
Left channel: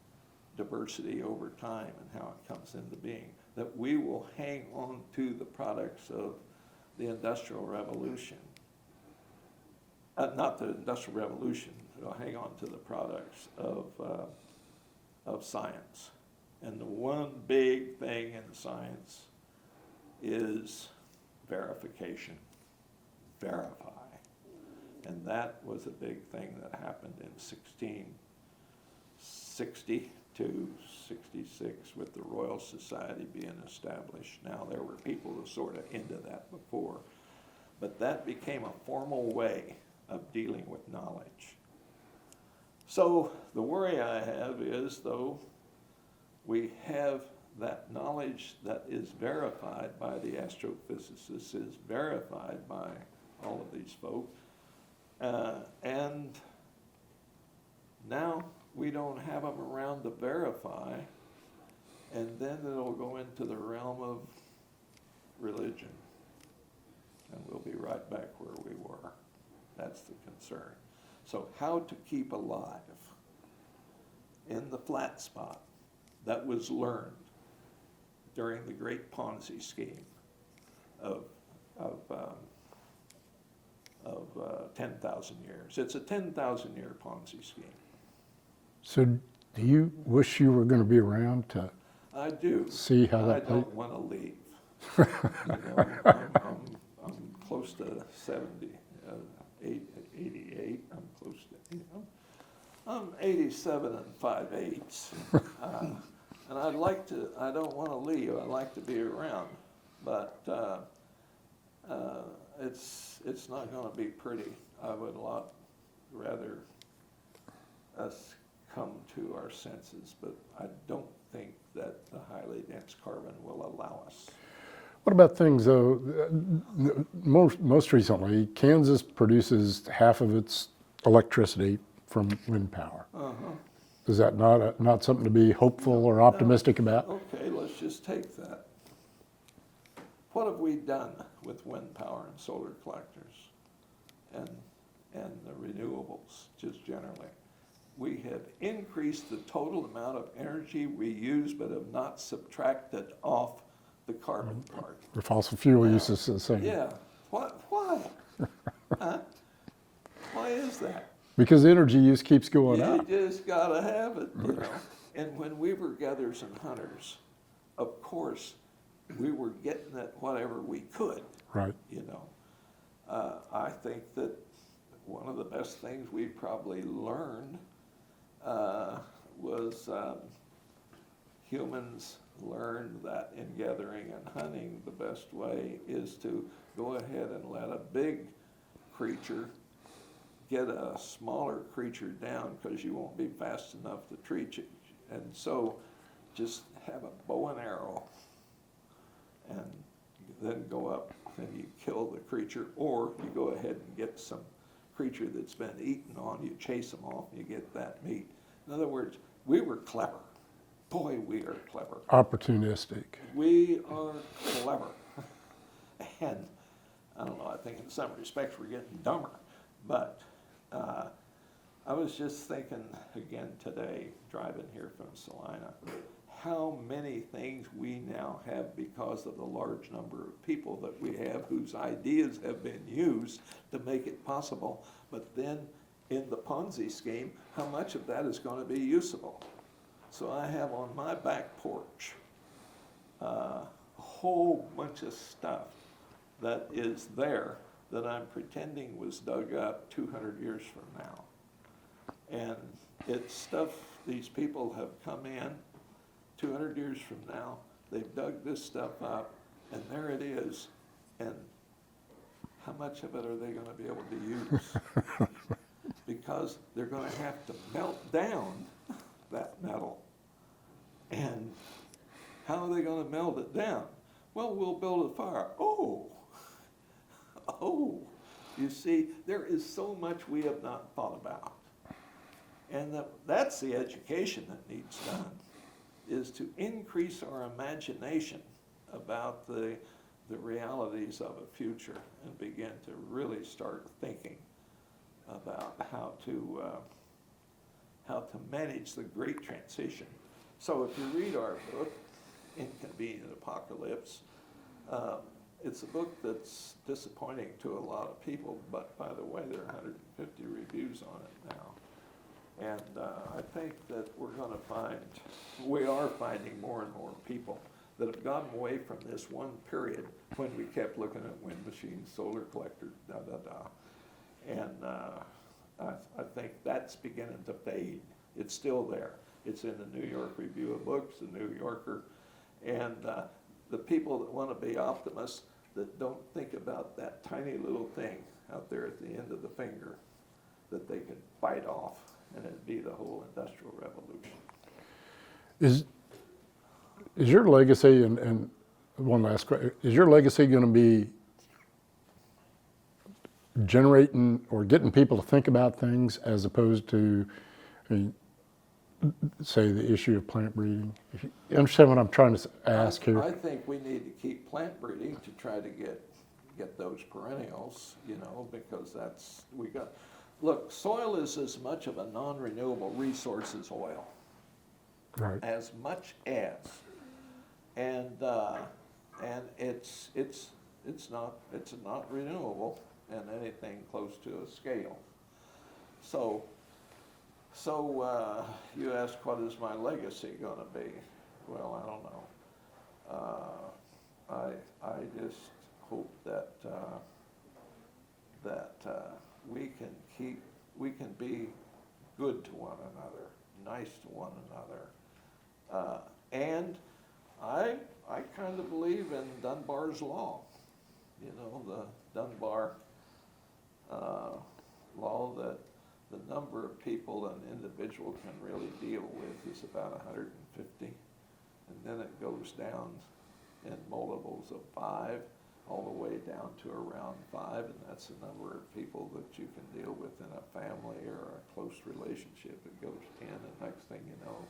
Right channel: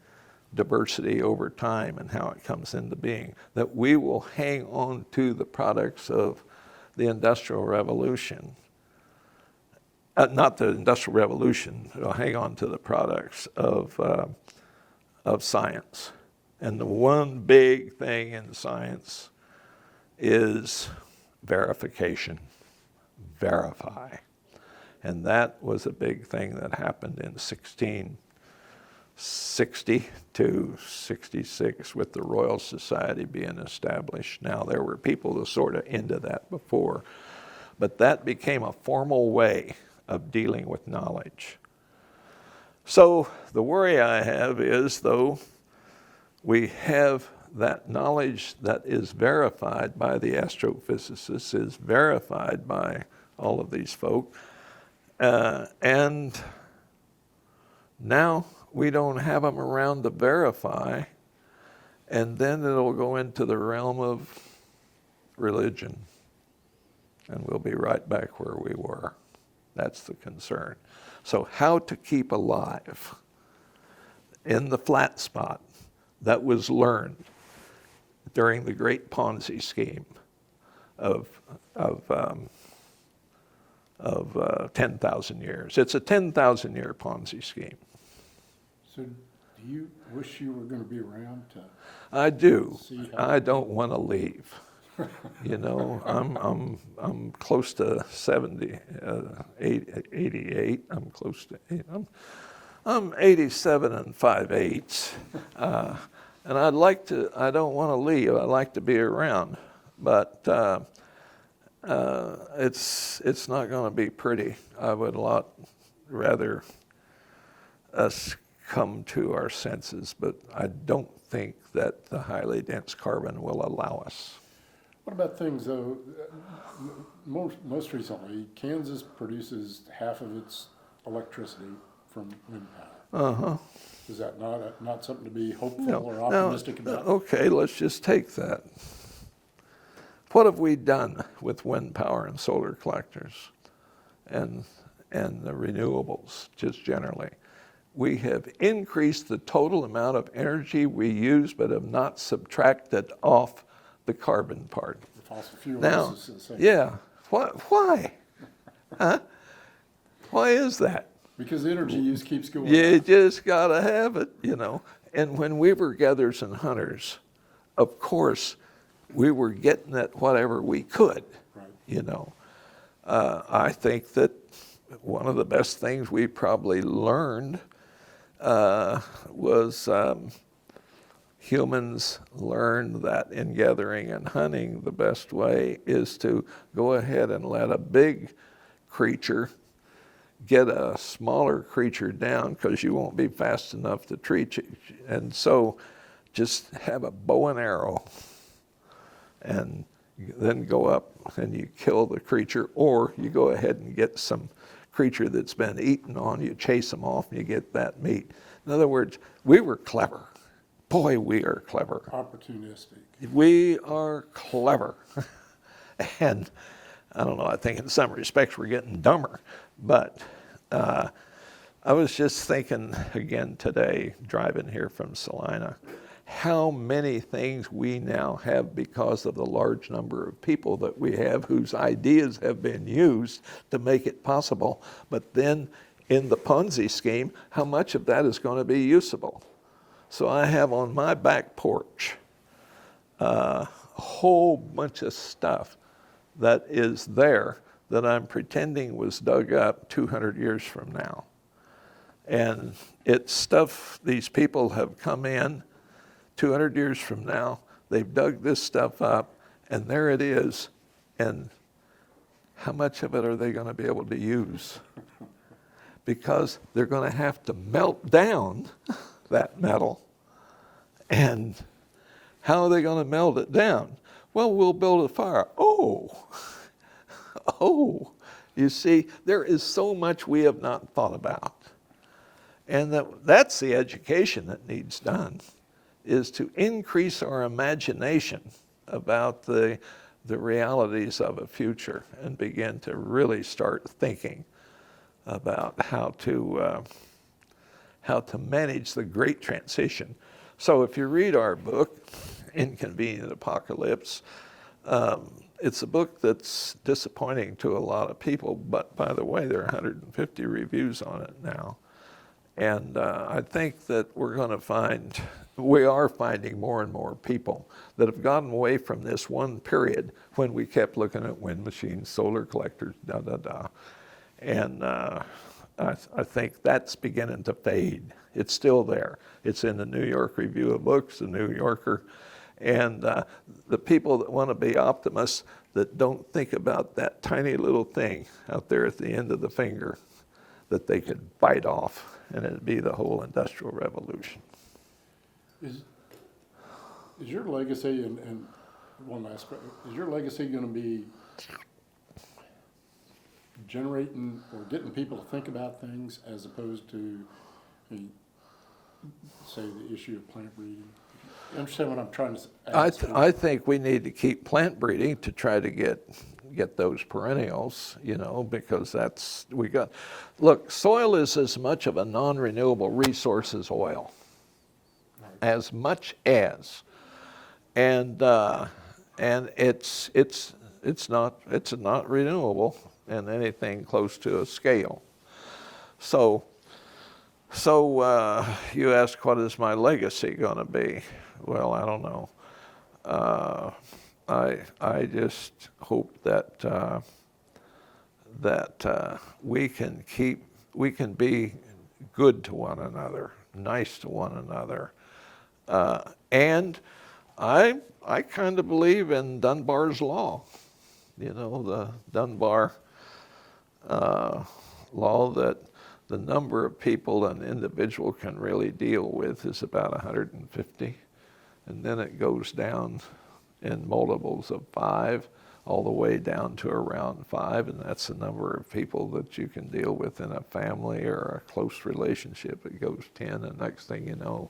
diversity over time and how it comes into being, that we will hang on to the products of the Industrial Revolution. Not the Industrial Revolution, we'll hang on to the products of science. And the one big thing in science is verification. Verify. And that was a big thing that happened in 1660 to 66 with the Royal Society being established. Now, there were people that sort of into that before, but that became a formal way of dealing with knowledge. So the worry I have is, though, we have that knowledge that is verified by the astrophysicists, is verified by all of these folk, and now we don't have them around to verify, And then it'll go into the realm of religion. And we'll be right back where we were. That's the concern. So how to keep alive in the flat spot that was learned during the great Ponzi scheme of 10,000 years. It's a 10,000-year Ponzi scheme. So do you wish you were going to be around to I do. see how I don't want to leave. You know, I'm close to 70, 88. I'm close to, I'm 87 and 5/8. And I don't want to leave. I like to be around. But it's not going to be pretty. I would a lot rather us come to our senses, but I don't think that the highly dense carbon will allow us. What about things, though? Most recently, Kansas produces half of its electricity from wind power. Uh-huh. Is that not something to be hopeful or optimistic about? Okay, let's just take that. What have we done with wind power and solar collectors and the renewables, just generally? We have increased the total amount of energy we use, but have not subtracted off the carbon part. The fossil fuel Now, use is the same. yeah. Why? Huh? Why is that? Because the energy use keeps going You up. just got to have it, you know. And when we were gatherers and hunters, of course, we were getting at whatever we could, Right. you know. I think that one of the best things we probably learned was humans learned that in gathering and hunting, the best way is to go ahead and let a big creature get a smaller creature down because you won't be fast enough to treat you. And so just have a bow and arrow and then go up and you kill the creature, or you go ahead and get some creature that's been eaten on, you chase them off and you get that meat. In other words, we were clever. Boy, we are clever. Opportunistic. We are clever. And I don't know, I think in some respects we're getting dumber. But I was just thinking again today, driving here from Salina, how many things we now have because of the large number of people that we have whose ideas have been used to make it possible. But then in the Ponzi scheme, how much of that is going to be usable? So I have on my back porch a whole bunch of stuff that is there that I'm pretending was dug up 200 years from now. And it's stuff these people have come in 200 years from now, they've dug this stuff up, and there it is. And how much of it are they going to be able to use? Because they're going to have to melt down that metal. And how are they going to melt it down? Well, we'll build a fire. Oh, you see, there is so much we have not thought about. And that's the education that needs done, is to increase our imagination about the realities of a future and begin to really start thinking about how to manage the great transition. So if you read our book, Inconvenient Apocalypse, it's a book that's disappointing to a lot of people, but by the way, there are 150 reviews on it now. And I think that we are finding more and more people that have gotten away from this one period when we kept looking at wind machines, solar collectors, And I think that's beginning to fade. It's still there. It's in the New York Review of Books, the New Yorker. And the people that want to be optimists that don't think about that tiny little thing out there at the end of the finger that they could bite off, and it'd be the whole Industrial Revolution. Is your legacy, and one last question, is your legacy going to be generating or getting people to think about things as opposed to, say, the issue of plant breeding? You understand what I'm trying to ask here? I think we need to keep plant breeding to try to get those perennials, you know, because look, soil is as much of a non-renewable resource as oil. Right. As much as, and it's not renewable in anything close to a scale. So you ask, what is my legacy going to be? Well, I don't know. I just hope that we can be good to one another, nice to one another. And I kind of believe in Dunbar's law, you know, the Dunbar law that the number of people an individual can really deal with is about 150, and then it goes down in multiples of 5, all the way down to around 5, and that's the number of people that you can deal with in a family or a close relationship. It goes 10, and next thing you know,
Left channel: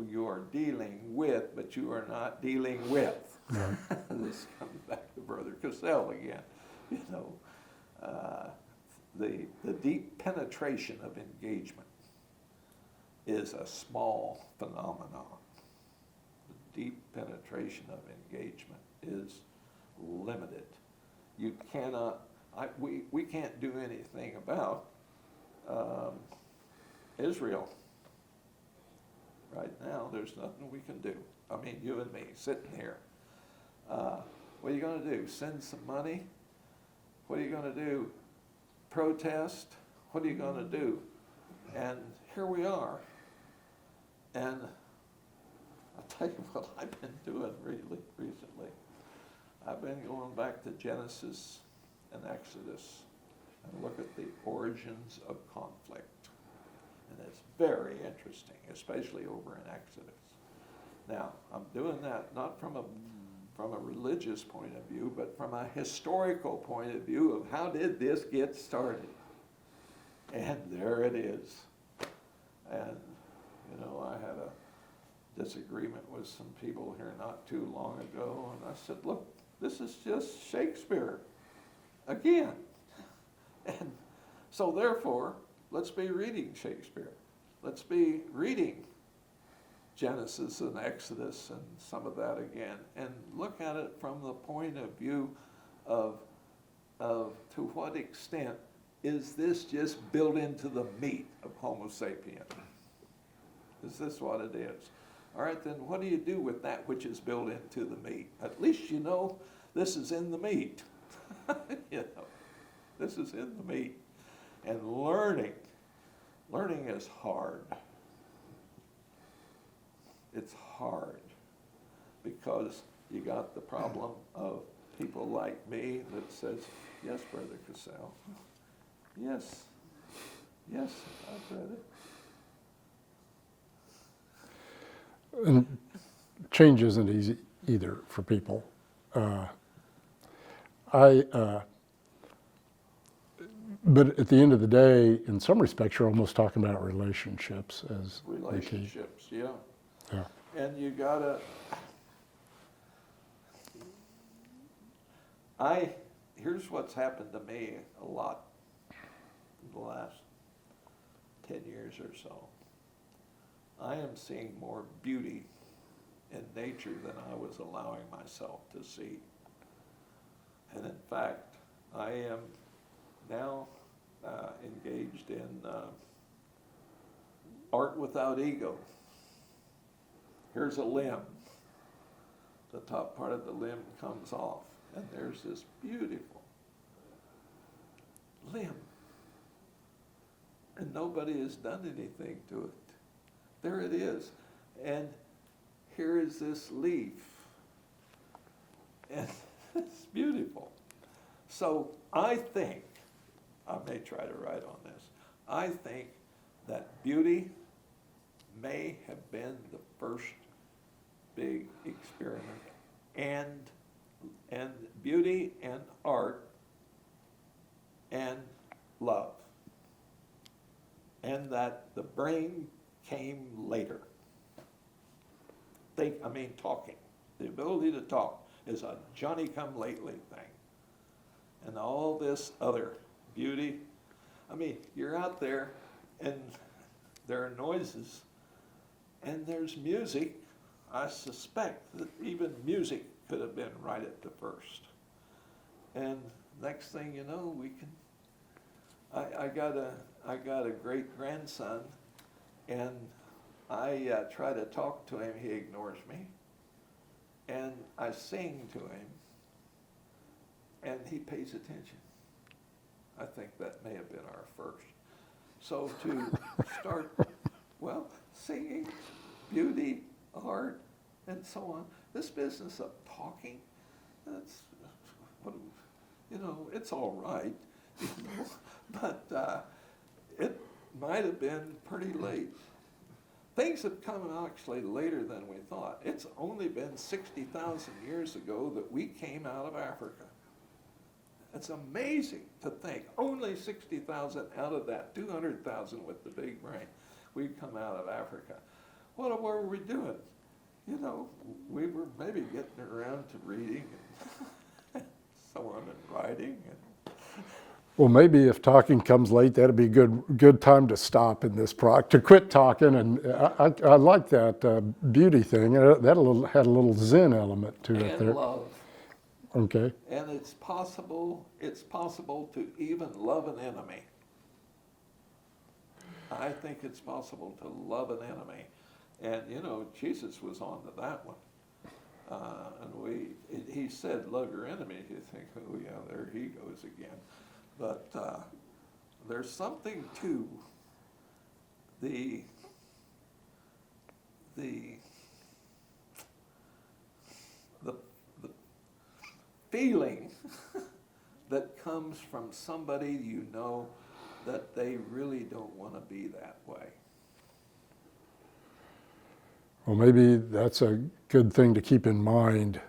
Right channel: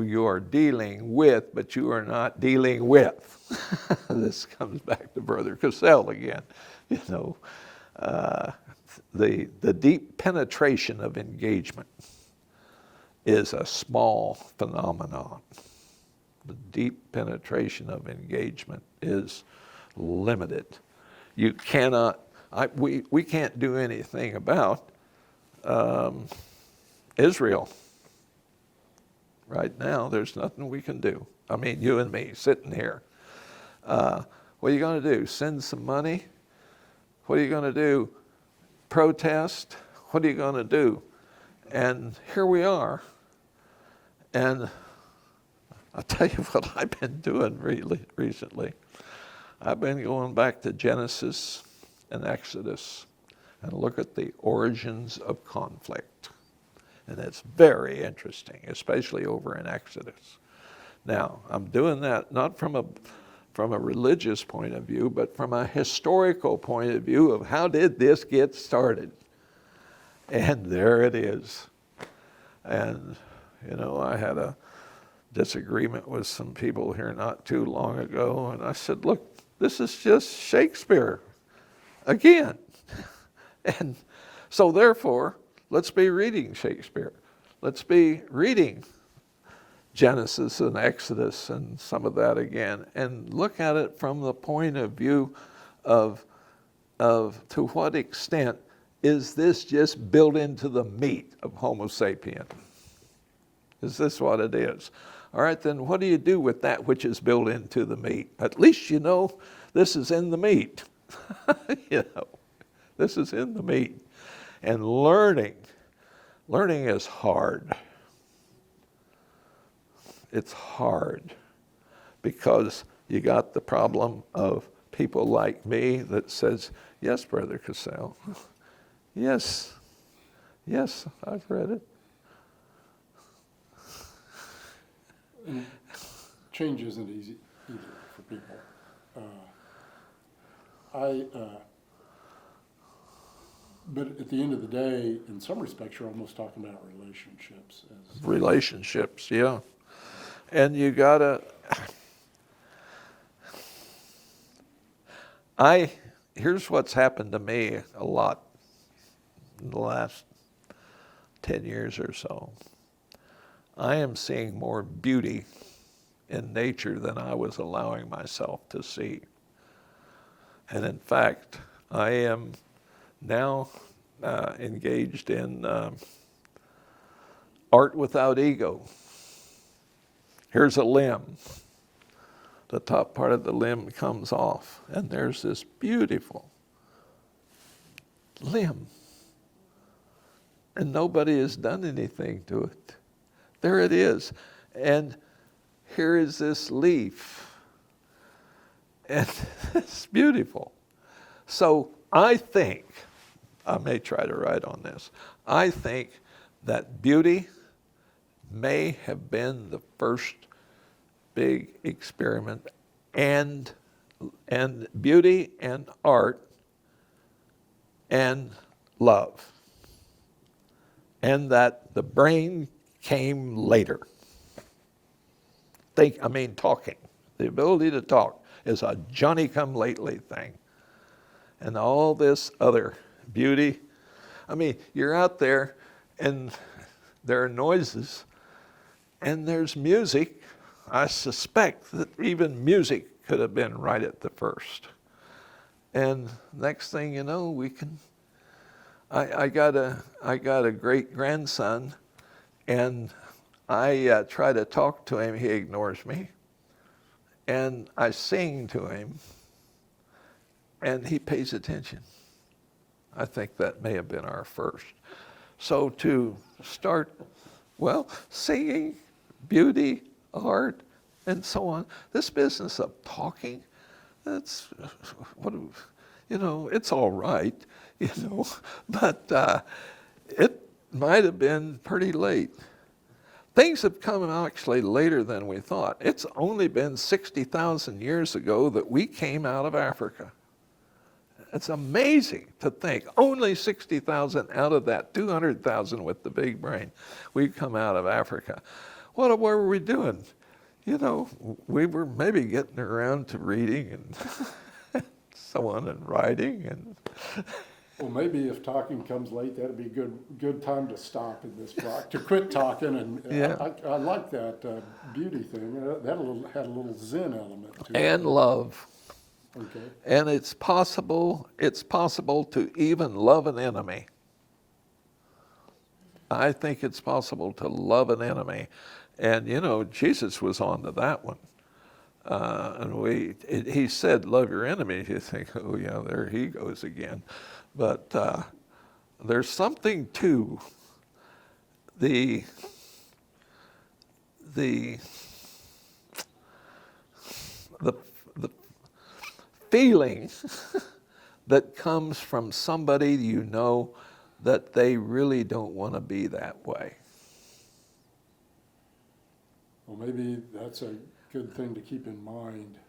you are dealing with, but you are not dealing with. Right. This comes back to Brother Cassell again. You know, the deep penetration of engagement is a small phenomenon. The deep penetration of engagement is limited. You cannot, we can't do anything about Israel. Right now, there's nothing we can do. I mean, you and me sitting here. What are you going to do? Send some money? What are you going to do? Protest? What are you going to do? And here we are. And I'll tell you what I've been doing really recently. I've been going back to Genesis and Exodus and look at the origins of conflict. And it's very interesting, especially over in Exodus. Now, I'm doing that not from a religious point of view, but from a historical point of view of how did this get started? And there it is. And, you know, I had a disagreement with some people here not too long ago, and I said, look, this is just Shakespeare again. And so therefore, let's be reading Shakespeare. Let's be reading Genesis and Exodus and some of that again, and look at it from the point of view of to what extent is this just built into the meat of Homo sapien? Is this what it is? All right, then what do you do with that which is built into the meat? At least you know this is in the meat. You know, this is in the meat. And learning is hard. It's hard because you got the problem of people like me that says, yes, Brother Cassell, yes, I've read it. And change isn't easy either for people. But at the end of the day, in some respects, you're almost talking about relationships. Relationships, yeah. And you gotta, here's what's happened to me a lot in the last 10 years or so. I am seeing more beauty in nature than I was allowing myself to see. And in fact, I am now engaged in art without ego. Here's a limb. The top part of the limb comes off, and there's this beautiful limb. And nobody has done anything to it. There it is. And here is this leaf. And it's beautiful. So I think, I may try to write on this, I think that beauty may have been the first big experiment, and beauty and art and love and that the brain came later. Talking. The ability to talk is a Johnny-come-lately thing. And all this other beauty. You're out there and there are noises and there's music. I suspect that even music could have been right at the first. And next thing you know, I got a great grandson, and I try to talk to him, he ignores me. And I sing to him, and he pays attention. I think that may have been our first. So to start, singing, beauty, art, and so on, this business of talking, it's all right, but it might have been pretty late. Things have come actually later than we thought. It's only been 60,000 years ago that we came out of Africa. It's amazing to think, only 60,000 out of that 200,000 with the big brain, we've come out of Africa. What were we doing? We were maybe getting around to reading and so on, and writing. And Well, maybe if talking comes late, that'd be a good time to stop in this to quit talking. And Yeah. I like that beauty thing. That had a little Zen element to it. And there. love. Okay. And it's possible to even love an enemy. I think it's possible to love an enemy. And Jesus was on to that one. And he said, love your enemies. You think, oh yeah, there he goes again. But there's something to the feeling that comes from somebody that they really don't want to be that way. Well, maybe that's a good thing to keep in mind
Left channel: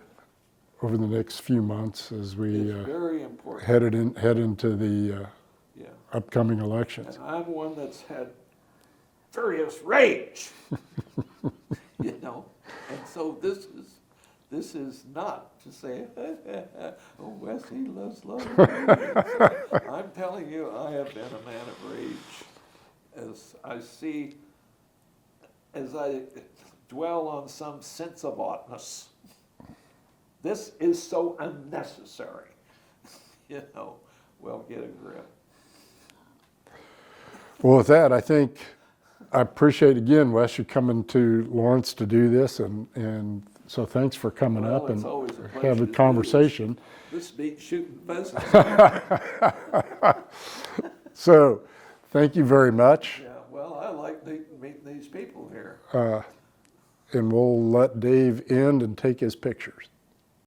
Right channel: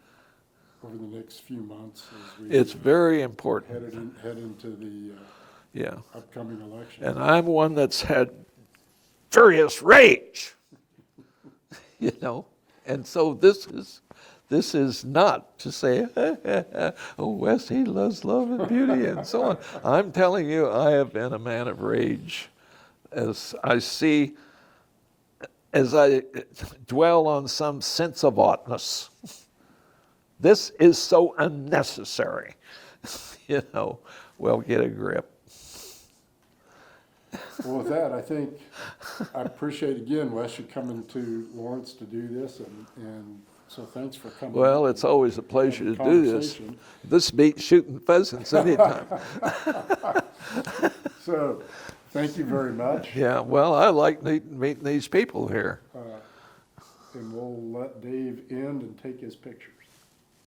over the next few months as we It's very important. head into the upcoming elections. And I'm one that's had furious rage, And so this is not to say, oh, Wes, he loves love and beauty and so on. I'm telling you, I have been a man of rage as I dwell on some sense of oughtness. This is so unnecessary. Well, get a grip. Well, with that, I appreciate again, Wes, you coming to Lawrence to do this, and so thanks for coming up. Well, it's always a pleasure to do conversation. This beats shooting pheasants anytime. So, thank you very much. Yeah, well, I like meeting these people here. And we'll let Dave end and take his pictures.